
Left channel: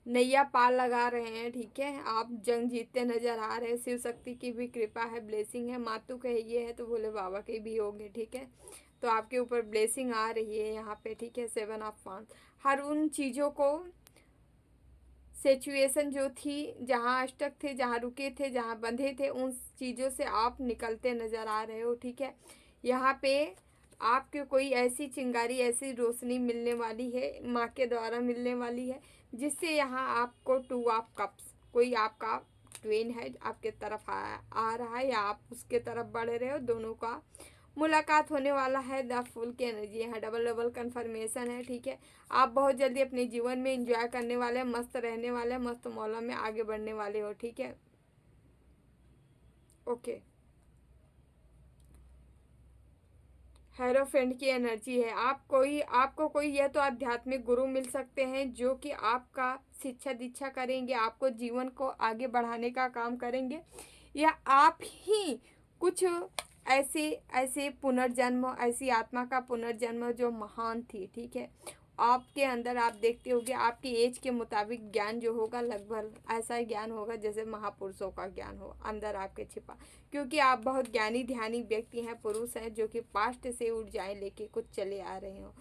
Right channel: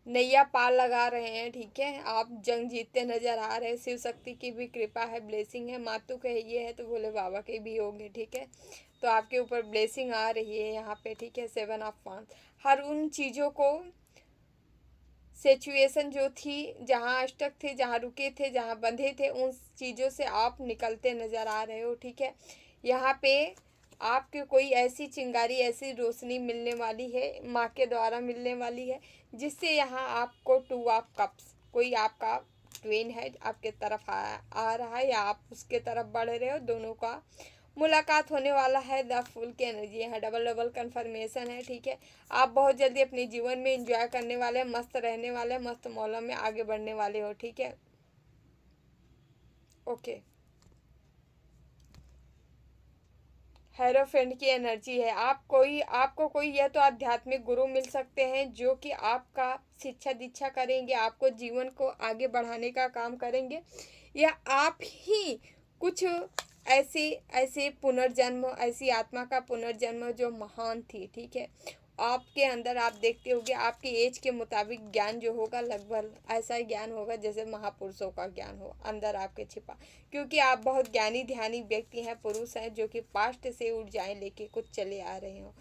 नैया पार लगा रहे हैं, ठीक है। आप जंग जीतते नजर आ रहे हैं, शिव शक्ति की भी कृपा है, ब्लेसिंग है, मातु कहिए है तो भोले बाबा के भी होंगे, ठीक है। तो आपके ऊपर ब्लेसिंग आ रही है यहाँ पे, ठीक है। 7 ऑफ वांड्स, हर उन चीज़ों को, सिचुएशन जो थी, जहाँ स्टक थे, जहाँ रुके थे, जहाँ बंधे थे, उन चीज़ों से आप निकलते नज़र आ रहे हो, ठीक है। यहाँ पे आपके कोई ऐसी चिंगारी, ऐसी रोशनी मिलने वाली है, माँ के द्वारा मिलने वाली है, जिससे यहाँ आपको टू ऑफ कप्स, कोई आपका ट्वेन है आपके तरफ आ रहा है या आप उसके तरफ बढ़ रहे हो, दोनों का मुलाकात होने वाला है। द फुल की एनर्जी यहाँ डबल डबल कन्फर्मेशन है, ठीक है। आप बहुत जल्दी अपने जीवन में एंजॉय करने वाले हैं, मस्त रहने वाले हैं, मस्त मौलों में आगे बढ़ने वाले हो, ठीक है। ओके, हेरोफेंट की एनर्जी है। आपको कोई या तो आध्यात्मिक गुरु मिल सकते हैं जो कि आपका शिक्षा दीक्षा करेंगे, आपको जीवन को आगे बढ़ाने का काम करेंगे, या आप ही कुछ ऐसे ऐसे पुनर्जन्म, ऐसी आत्मा का पुनर्जन्म जो महान थी, ठीक है। आपके अंदर आप देखते होगे आपकी एज के मुताबिक ज्ञान जो होगा लगभग ऐसा ज्ञान होगा जैसे महापुरुषों का ज्ञान हो अंदर आपके छिपा, क्योंकि आप बहुत ज्ञानी ध्यानी व्यक्ति हैं, पुरुष हैं, जो कि पास्ट से ऊर्जाएं लेके कुछ चले आ रहे हो।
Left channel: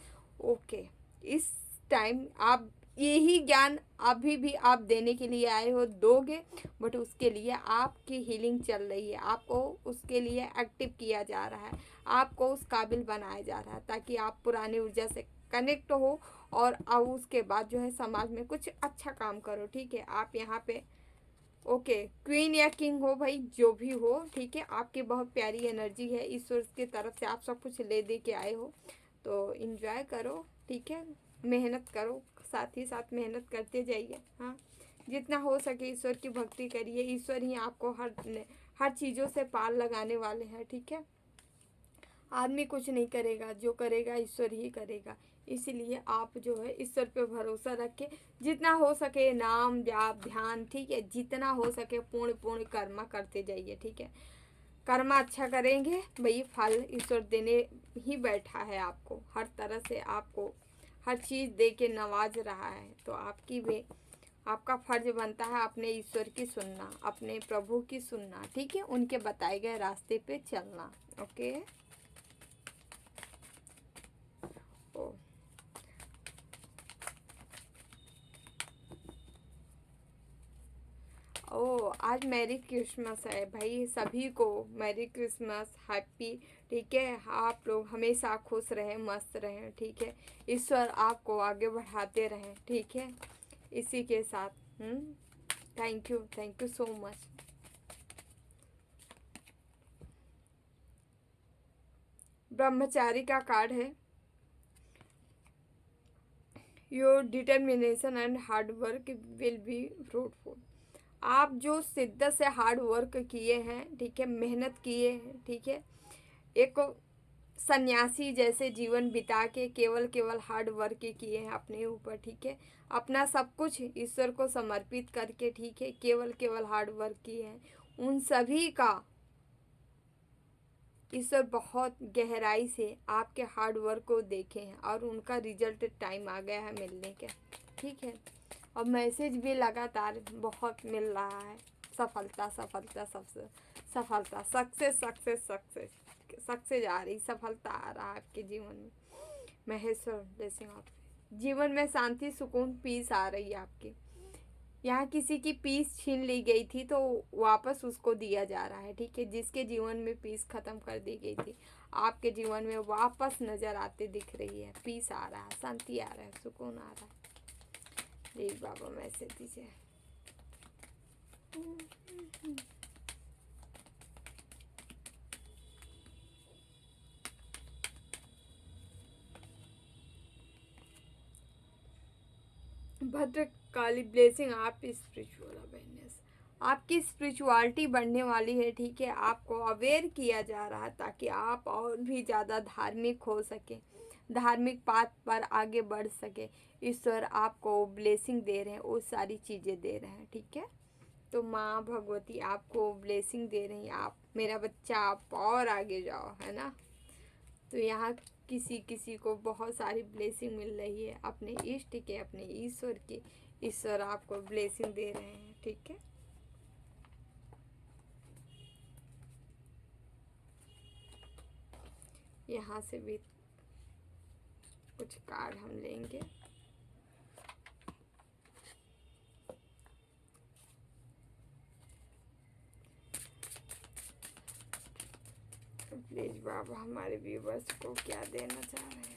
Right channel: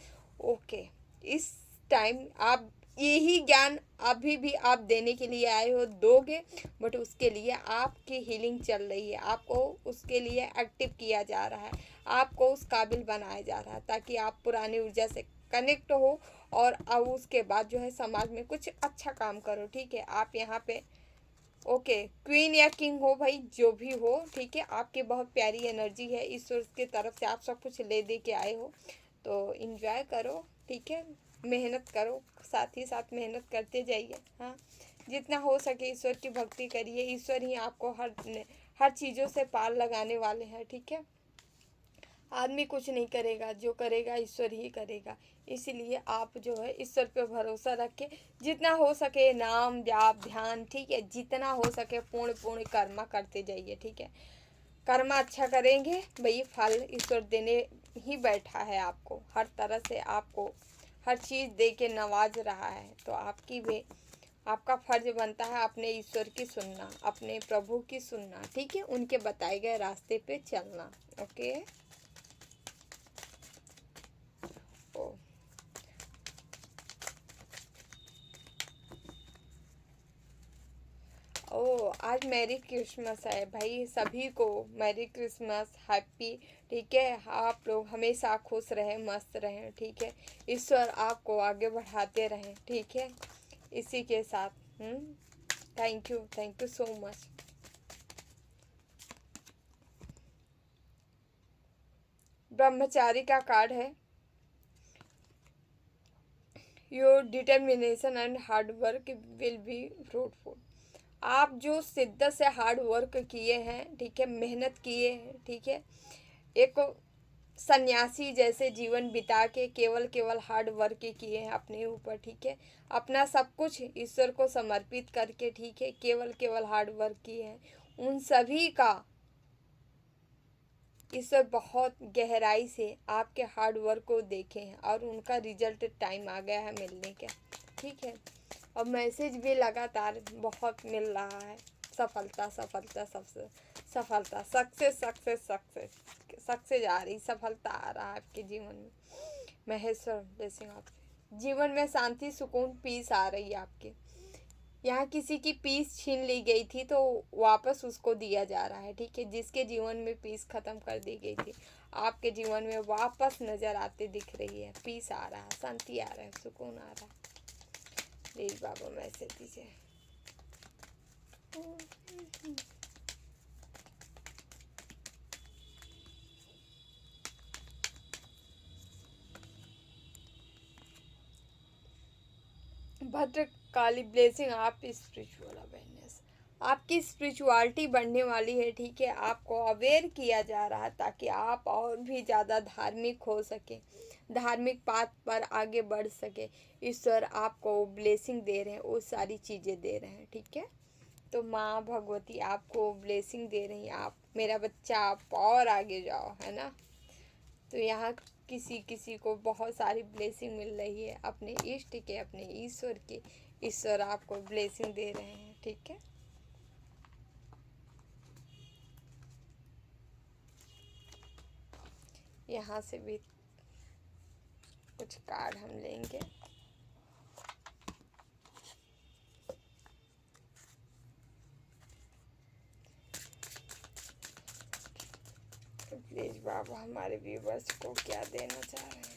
ओके, इस टाइम आप यही ज्ञान अभी भी आप देने के लिए आए हो, दोगे, बट उसके लिए आपकी हीलिंग चल रही है, आपको उसके लिए एक्टिव किया जा रहा है, आपको उस काबिल बनाया जा रहा है ताकि आप पुरानी ऊर्जा से कनेक्ट हो और अब उसके बाद जो है समाज में कुछ अच्छा काम करो, ठीक है। आप यहाँ पे ओके, क्वीन या किंग हो भाई, जो भी हो, ठीक है। आपकी बहुत प्यारी एनर्जी है, ईश्वर की तरफ से आप सब कुछ ले दे के आए हो, तो इन्जॉय करो, ठीक है। मेहनत करो, साथ ही साथ मेहनत करते जाइए, हाँ। जितना हो सके ईश्वर की भक्ति करिए, ईश्वर ही आपको हर चीज़ों से पार लगाने वाले हैं, ठीक है। आदमी कुछ नहीं करेगा, जो करेगा ईश्वर ही करेगा। इसलिए आप जो है ईश्वर पे भरोसा रख के जितना हो सके नाम जाप ध्यान, ठीक है, जितना हो सके पूर्ण पूर्ण कर्म करते जाइए, ठीक है। कर्म अच्छा करेंगे भाई, फल ईश्वर देने ही बैठा है आपको, हर तरह से आपको हर चीज़ दे के नवाज रहा है, तो आपकी भी आपका फर्ज बनता है अपने ईश्वर की सुनना, अपने प्रभु की सुनना, ठीक है, उनके बताए गए रास्ते पे चलना। ओके, ओ ओ आज मैरी क्रिसमस है भाई, सभी को मैरी क्रिसमस, हैप्पी, ठीक है। आप लोग हमेशा खुश रहें, मस्त रहें, ठीक है। ईश्वर आपको आगे बढ़ाते रहें, ठीक है। इसी के साथ थैंक यू सो मच। ब्रह्मचारी का कार्ड है, your determination and hard work will be fruitful. आप जो शिद्दत से हार्ड वर्क किए हैं, ठीक है, मेहनत किए हैं, ठीक है, एक सन्यासी जैसे जीवन बिता के केवल केवल हार्ड वर्क किए हैं अपने ऊपर, ठीक है, अपना सब कुछ ईश्वर को समर्पित करके, ठीक है, केवल केवल हार्ड वर्क किए हैं, उन सभी का ईश्वर बहुत गहराई से आपके हार्ड वर्क को देखे हैं और उनका रिजल्ट टाइम आ गया है मिलने का, ठीक है। और मैसेज भी लगातार बहुत मिल रहा है, सफलता सफलता सबसे सफलता, सक्सेस सक्सेस सक्सेस सक्सेस आ रही, सफलता आ रहा है आपके जीवन में। महेश्वर ब्लेसिंग आपके जीवन में, शांति सुकून पीस आ रही है आपके यहाँ। किसी की पीस छीन ली गई थी तो वापस उसको दिया जा रहा है, ठीक है। जिसके जीवन में पीस खत्म कर दी गई थी, आपके जीवन में वापस नजर आते दिख रही है, पीस आ रहा है, शांति आ रहा है, सुकून आ रहा है। प्लीज बाबा मैसेज दीजिए। भद्रकाली ब्लेसिंग, आप स्पिरिचुअल अवेयरनेस, आपकी स्पिरिचुअलिटी बढ़ने वाली है, ठीक है। आपको अवेयर किया जा रहा है ताकि आप और भी ज़्यादा धार्मिक हो सके, धार्मिक पाथ पर आगे बढ़ सके। ईश्वर आपको ब्लेसिंग दे रहे हैं, वो सारी चीज़ें दे रहे हैं, ठीक है। तो माँ भगवती आपको ब्लेसिंग दे रही हैं, आप मेरा बच्चा आप और आगे जाओ, है ना। तो यहाँ किसी किसी को बहुत सारी ब्लेसिंग मिल रही है अपने इष्ट के, अपने ईश्वर के, ईश्वर आपको ब्लेसिंग दे रहे हैं, ठीक है। यहाँ से भी कुछ कार्ड हम लेंगे। प्लीज बाबा हमारे व्यूवर्स को क्या देना चाह रहे हैं।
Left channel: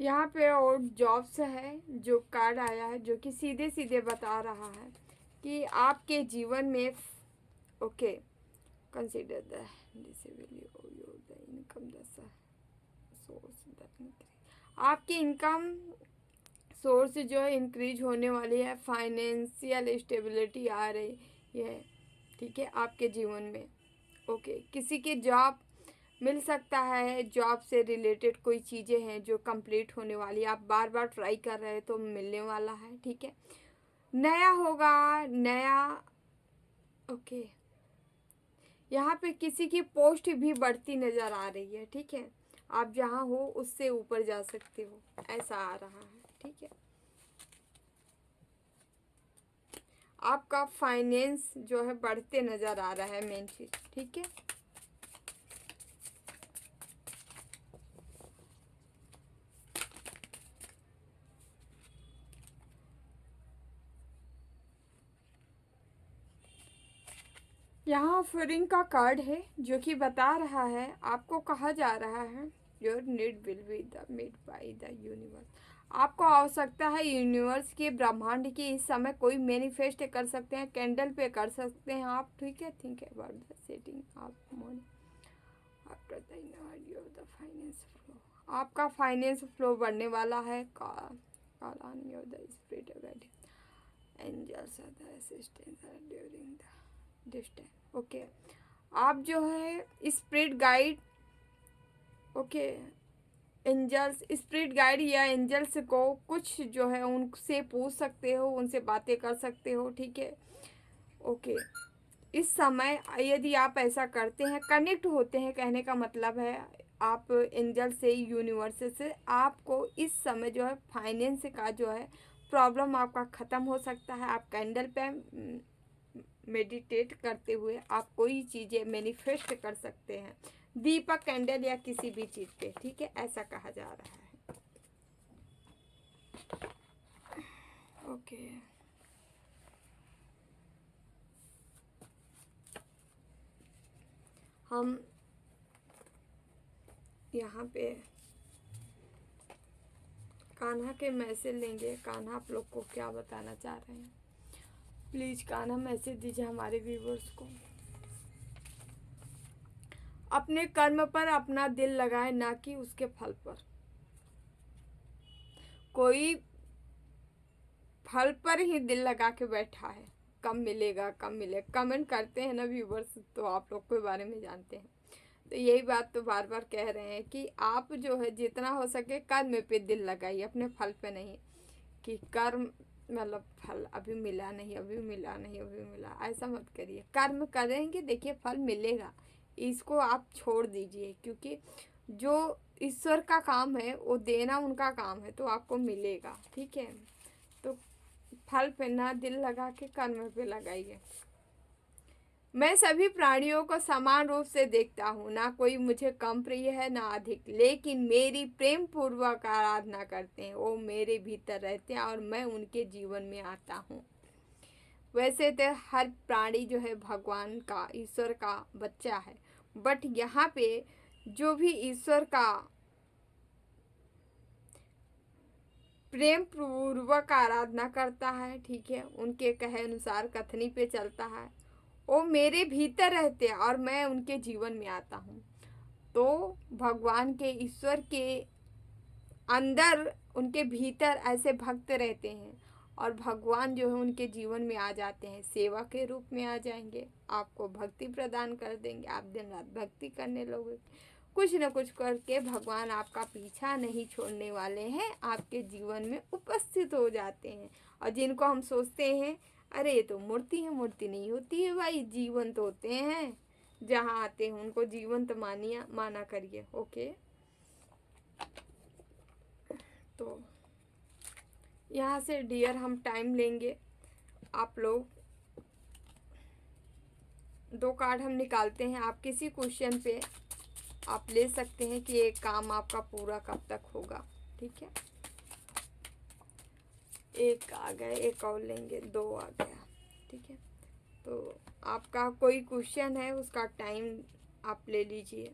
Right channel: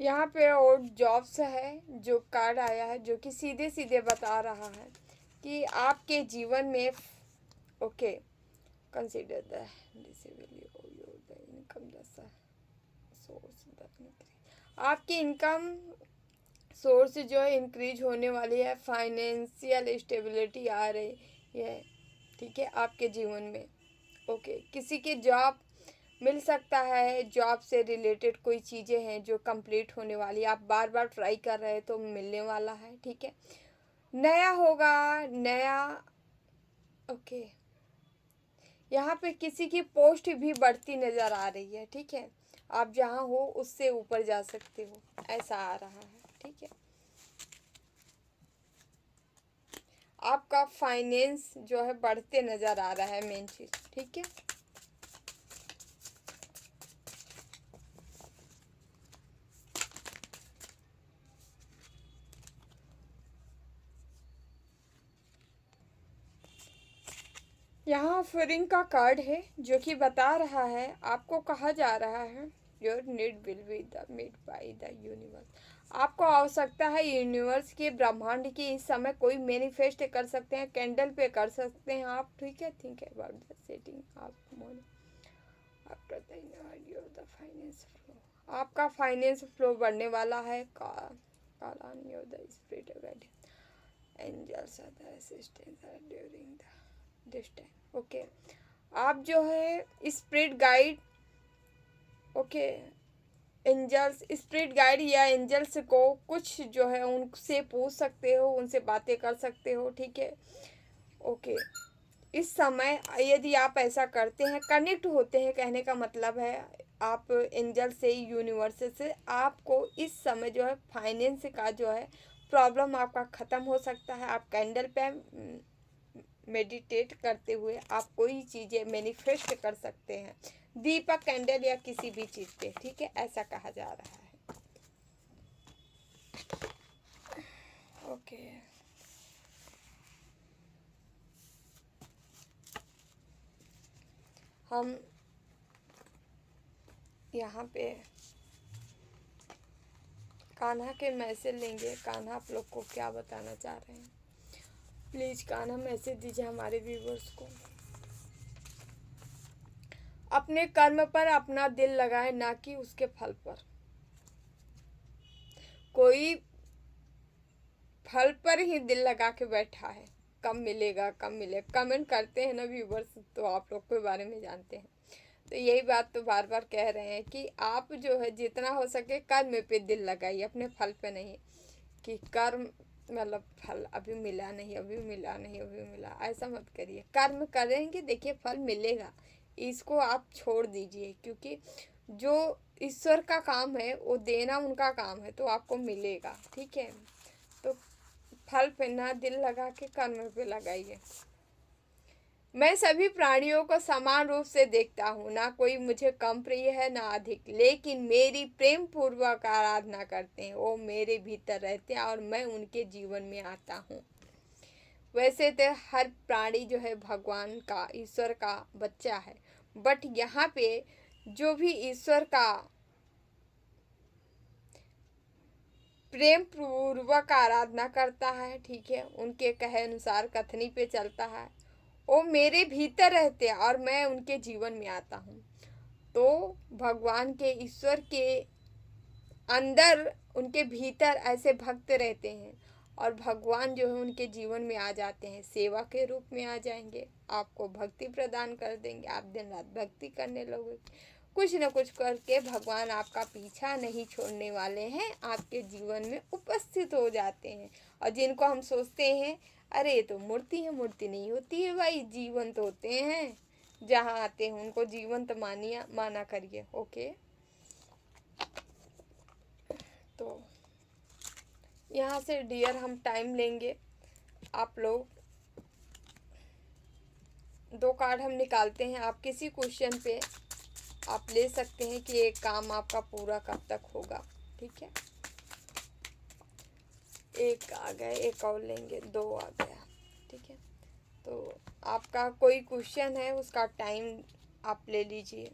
यहाँ पे और जॉब्स है जो कार्ड आया है जो कि सीधे सीधे बता रहा है कि आपके जीवन में okay consider the income source आपकी इनकम सोर्स जो है इंक्रीज होने वाली है, फाइनेंशियल स्टेबिलिटी आ रही है, ठीक है, आपके जीवन में। ओके किसी की जॉब मिल सकता है, जॉब से रिलेटेड कोई चीज़ें हैं जो कंप्लीट होने वाली, आप बार बार ट्राई कर रहे हैं तो मिलने वाला है, ठीक है, नया होगा, नया। ओके यहाँ पे किसी की पोस्ट भी बढ़ती नज़र आ रही है, ठीक है, आप जहाँ हो उससे ऊपर जा सकते हो, ऐसा आ रहा है, ठीक है। आपका फाइनेंस जो है बढ़ते नज़र आ रहा है, मेन चीज़, ठीक है। यहाँ ऑफरिंग का कार्ड है जो कि बता रहा है, आपको कहा जा रहा है your need will be the made by the universe. आपको आवश्यकता है यूनिवर्स के, ब्रह्मांड की, इस समय कोई मैनिफेस्ट कर सकते हैं, कैंडल पे कर सकते हैं आप, ठीक है। Think about the setting of money after the finance flow. आपका फाइनेंस फ्लो बढ़ने वाला है। Call on your the spirit guide angels are the assistant during the this time. Okay आप जो है spirit guide, okay angels, spirit guide या एंजल्स को कुछ जो है उनसे पूछ सकते हो, उनसे बातें कर सकते हो, ठीक है। ओके इस समय यदि आप ऐसा करते हैं, कनेक्ट होते हैं, कहने का मतलब है आप एंजल से, यूनिवर्स से, आपको इस समय जो है फाइनेंस का जो है प्रॉब्लम आपका ख़त्म हो सकता है। आप कैंडल पे मेडिटेट करते हुए आप कोई चीज़ें मैनिफेस्ट कर सकते हैं, दीपक, कैंडल या किसी भी चीज़ पे, ठीक है, ऐसा कहा जा रहा है। ओके हम यहाँ पे कान्हा के मैसेज लेंगे। कान्हा आप लोग को क्या बताना चाह रहे हैं, प्लीज कान्हा मैसेज दीजिए हमारे व्यूवर्स को। अपने कर्म पर अपना दिल लगाए, ना कि उसके फल पर। कोई फल पर ही दिल लगा के बैठा है, कब मिलेगा कब मिलेगा, कमेंट करते हैं ना व्यूवर्स, तो आप लोग के बारे में जानते हैं। तो यही बात तो बार बार कह रहे हैं कि आप जो है जितना हो सके कर्म पे दिल लगाइए, अपने फल पे नहीं, कि कर्म मतलब फल अभी मिला नहीं, अभी मिला नहीं, अभी मिला, ऐसा मत करिए। कर्म करेंगे, देखिए फल मिलेगा, इसको आप छोड़ दीजिए, क्योंकि जो ईश्वर का काम है वो देना उनका काम है, तो आपको मिलेगा, ठीक है। तो फल पे ना दिल लगा के कर्म पे लगाइए। मैं सभी प्राणियों को समान रूप से देखता हूँ, ना कोई मुझे कम प्रिय है ना अधिक, लेकिन मेरी प्रेम पूर्वक आराधना करते हैं, वो मेरे भीतर रहते हैं और मैं उनके जीवन में आता हूँ। वैसे तो हर प्राणी जो है भगवान का, ईश्वर का बच्चा है, बट यहाँ पे जो भी ईश्वर का प्रेम पूर्वक आराधना करता है, ठीक है, उनके कहे अनुसार कथनी पे चलता है, वो मेरे भीतर रहते हैं और मैं उनके जीवन में आता हूँ। तो भगवान के, ईश्वर के अंदर, उनके भीतर ऐसे भक्त रहते हैं और भगवान जो है उनके जीवन में आ जाते हैं, सेवा के रूप में आ जाएंगे, आपको भक्ति प्रदान कर देंगे, आप दिन रात भक्ति करने लोगे, कुछ न कुछ करके भगवान आपका पीछा नहीं छोड़ने वाले हैं, आपके जीवन में उपस्थित हो जाते हैं। और जिनको हम सोचते हैं अरे ये तो मूर्ति है, मूर्ति नहीं होती है भाई, जीवंत होते हैं, जहाँ आते हैं उनको जीवंत मानिए, माना करिए। ओके तो यहाँ से डियर हम टाइम लेंगे, आप लोग 2 कार्ड हम निकालते हैं। आप किसी क्वेश्चन पे आप ले सकते हैं कि ये काम आपका पूरा कब तक होगा, ठीक है। एक आ गया, एक और लेंगे, 2 आ गया, ठीक है। तो आपका कोई क्वेश्चन है उसका टाइम आप ले लीजिए।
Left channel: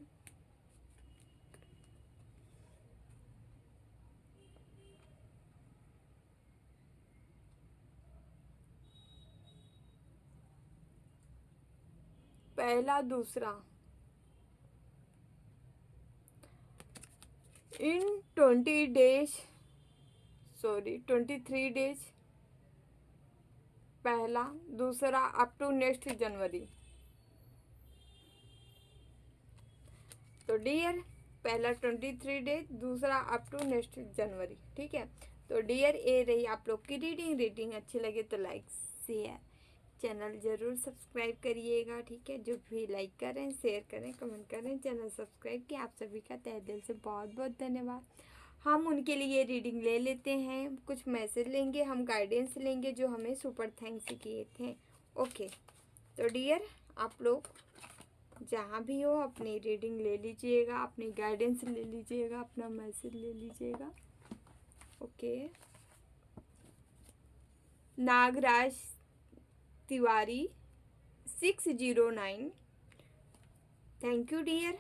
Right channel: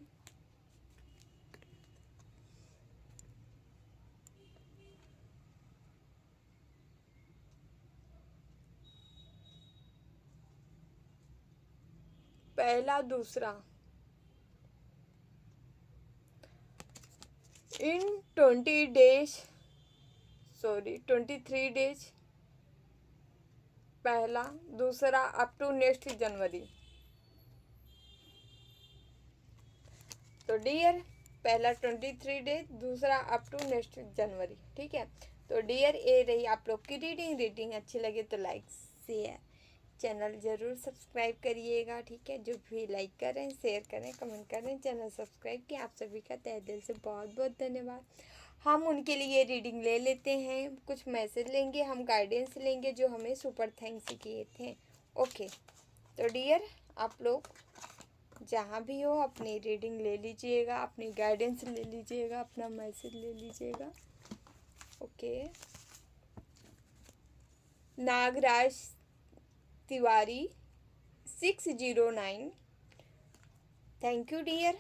पहला, दूसरा, इन 20 डेज, सॉरी 23 डेज, पहला, दूसरा, अप टू नेक्स्ट जनवरी। तो डियर, पहला 23 डेज, दूसरा अप टू नेक्स्ट जनवरी, ठीक है। तो डियर, ये रही आप लोग की रीडिंग अच्छी लगे तो लाइक शेयर, चैनल ज़रूर सब्सक्राइब करिएगा, ठीक है। जो भी लाइक करें, शेयर करें, कमेंट करें, चैनल सब्सक्राइब किया, आप सभी का तहे दिल से बहुत बहुत धन्यवाद। हम उनके लिए रीडिंग ले लेते हैं, कुछ मैसेज लेंगे, हम गाइडेंस लेंगे जो हमें सुपर थैंक्स किए थे। ओके, तो डियर आप लोग जहाँ भी हो अपनी रीडिंग ले लीजिएगा, अपनी गाइडेंस ले लीजिएगा, अपना मैसेज ले लीजिएगा। Okay, Nagraj Tiwari 609, thank you dear,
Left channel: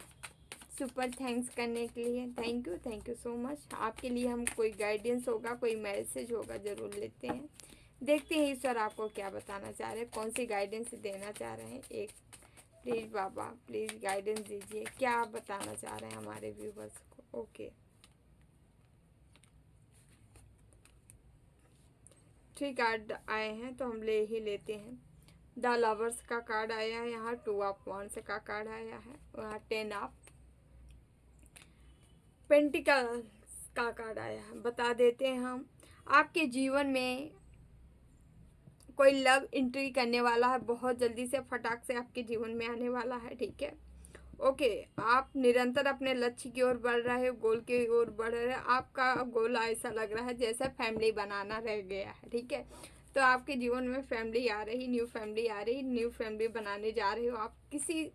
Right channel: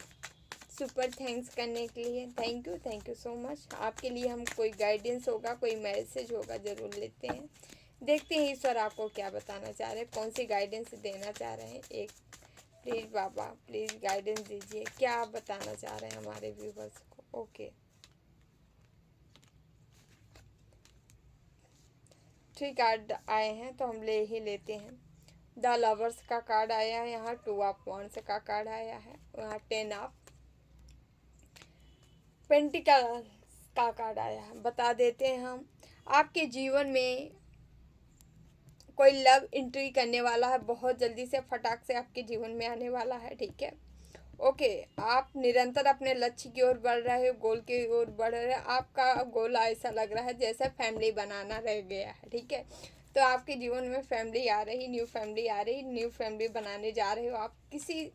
super thanks करने के लिए। Thank you so much. आपके लिए हम कोई गाइडेंस होगा, कोई मैसेज होगा, ज़रूर लेते हैं। देखते हैं ईश्वर आपको क्या बताना चाह रहे हैं, कौन सी गाइडेंस देना चाह रहे हैं। एक प्लीज़ बाबा, प्लीज़ गाइडेंस दीजिए, क्या आप बताना चाह रहे हैं हमारे व्यूवर्स को। ओके, 3 कार्ड आए हैं तो हम ले ही लेते हैं। द लवर्स का कार्ड आया है, यहाँ 2 ऑफ वांड्स का कार्ड आया है, वहाँ 10 ऑफ पेंटिकल्स का कार्ड आया है। बता देते हैं हम, आपके जीवन में कोई लव एंट्री करने वाला है, बहुत जल्दी से फटाक से आपके जीवन में आने वाला है, ठीक है। ओके, आप निरंतर अपने लक्ष्य की ओर बढ़ रहे हो, गोल की ओर बढ़ रहे हो। आपका गोल ऐसा लग रहा है जैसे फैमिली बनाना रह गया है, ठीक है। तो आपके जीवन में फैमिली आ रही, न्यू फैमिली आ रही, न्यू फैमिली बनाने जा रहे हो आप किसी,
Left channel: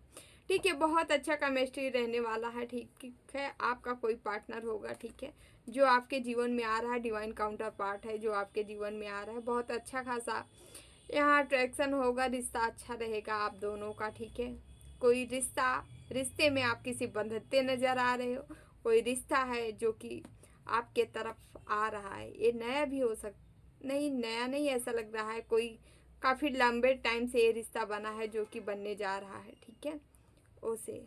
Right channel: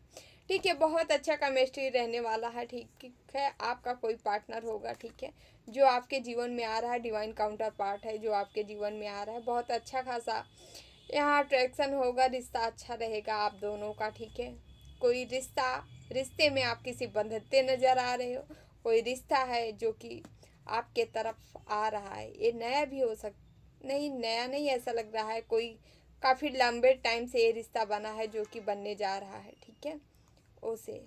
ठीक है। बहुत अच्छा केमिस्ट्री रहने वाला है, ठीक है। आपका कोई पार्टनर होगा, ठीक है, जो आपके जीवन में आ रहा है, डिवाइन काउंटर पार्ट है जो आपके जीवन में आ रहा है। बहुत अच्छा खासा यहाँ अट्रैक्शन होगा, रिश्ता अच्छा रहेगा आप दोनों का, ठीक है। कोई रिश्ते में आप किसी बंधते नज़र आ रहे हो, कोई रिश्ता है जो कि आपके तरफ आ रहा है। ये नया भी हो नहीं, नया नहीं, ऐसा लग रहा है कोई काफ़ी लंबे टाइम से ये रिश्ता बना है जो कि बनने जा रहा है, ठीक है। उसे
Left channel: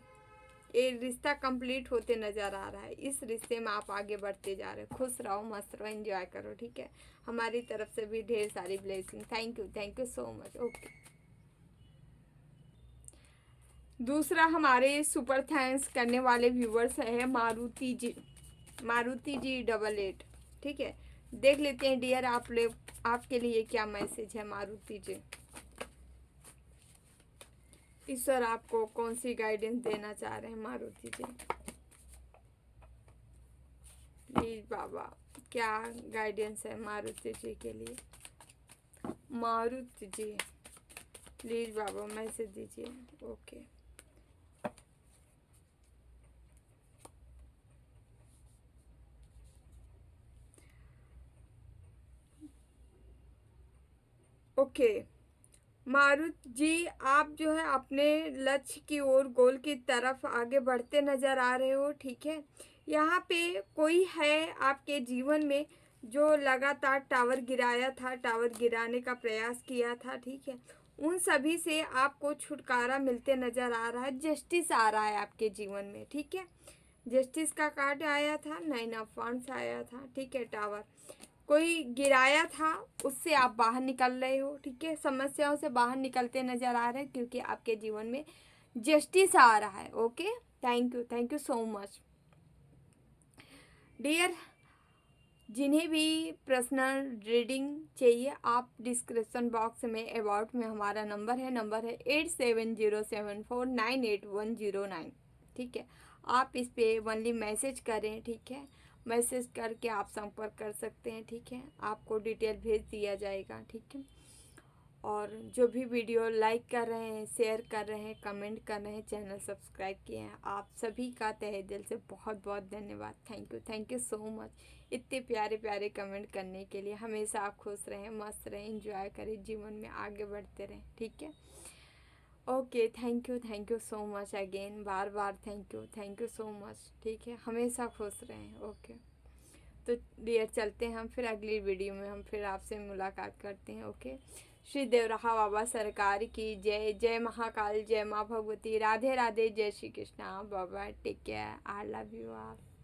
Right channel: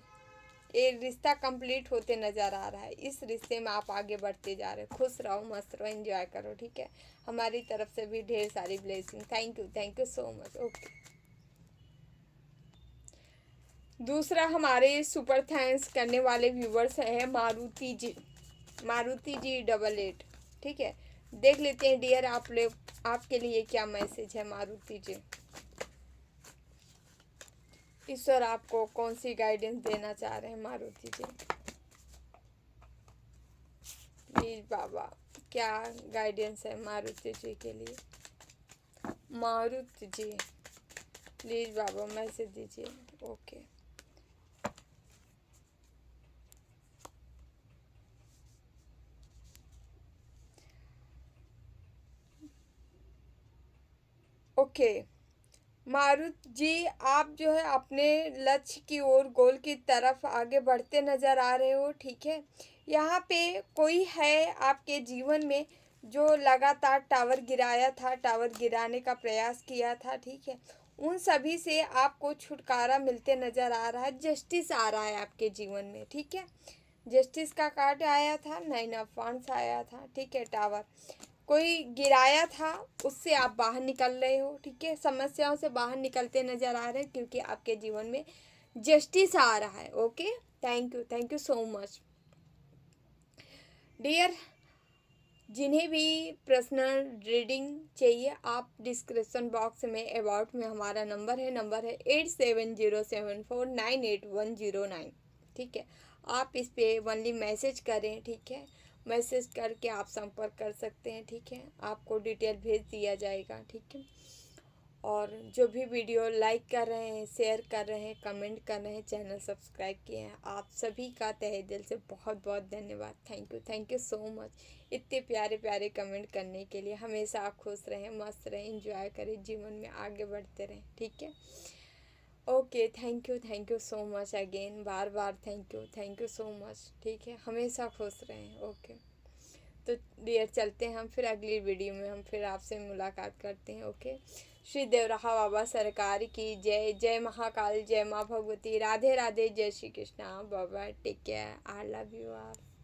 ये रिश्ता कंप्लीट होते नज़र आ रहा है। इस रिश्ते में आप आगे बढ़ते जा रहे हो। खुश रहो, मस्त रहो, एंजॉय करो, ठीक है। हमारी तरफ से भी ढेर सारी blessing. Thank you so much. Okay, दूसरा हमारे सुपर थैंक्स करने वाले व्यूवर्स है मारुति जी, मारुति जी 88, ठीक है। देख लेते हैं डियर आपके लिए क्या मैसेज है मारुति जी। ईश्वर आपको कौन सी गाइडेंस देना चाह रहे हैं मारुति जी, प्लीज बाबा, क्या गाइडेंस है मारुति जी के लिए। मारुति जी प्लीज बाबा मैसेज दीजिए। ओके, ओके मारुति जी, आप जो है अपने लक्ष्य की ओर, गोल की तरफ आगे बढ़ते नज़र आ रहे हो, ठीक है। यहाँ पे कोई है आपके जीवन में जो लगातार टावर गिराया था, टावर गिराने का प्रयास किया था, ठीक है। उन सभी से आपको छुटकारा मिलते नज़र आ रहा है, जस्टिस आ रहा है आपके जीवन में, ठीक है। जस्टिस का कार्ड आया था, 9 ऑफ वांड्स आया था, ठीक है। टावर कोई गिराया था, उससे आप बाहर निकल रहे हो, ठीक है। समस्याओं से बाहर निकलते नज़र आ रहे हैं क्योंकि आपके जीवन में जस्टिस आ रहा है। Okay, thank you so much dear. जिन्हें भी पर्सनल रीडिंग चाहिए, आप डिस्क्रिप्शन बॉक्स में अबाउट में हमारा नंबर है 8707498109, ठीक है। आप इस पे ओनली मैसेज करें, ठीक है। मैसेज करके आप संपर्क कर सकते हैं, ठीक है। आपको डिटेल भेज दिया जाएगा, ठीक है। और जो भी वीडियो लाइक कर रहे हैं, शेयर कर रहे हैं, कमेंट कर रहे हैं, चैनल सब्सक्राइब किए हैं, आप सभी का तहे दिल से बहुत बहुत धन्यवाद। थैंक यू सो मच इतने प्यारे प्यारे कमेंट करने के लिए। हमेशा आप खुश रहें, मस्त रहें, एंजॉय करें, जीवन में आगे बढ़ते रहें, ठीक है। Okay, thank you so much again, bar bar thank you so much, ठीक है। हमेशा खुश रहें। ओके, तो डियर चलते हैं हम फिर अगली वीडियो में, हम फिर आपसे मुलाकात करते हैं। ओके, श्री देवराहा बाबा सरकार की जय। जय महाकाल, जय माँ भगवती, राधे राधे, जय श्री कृष्णा। बाबा take care, I love you आप।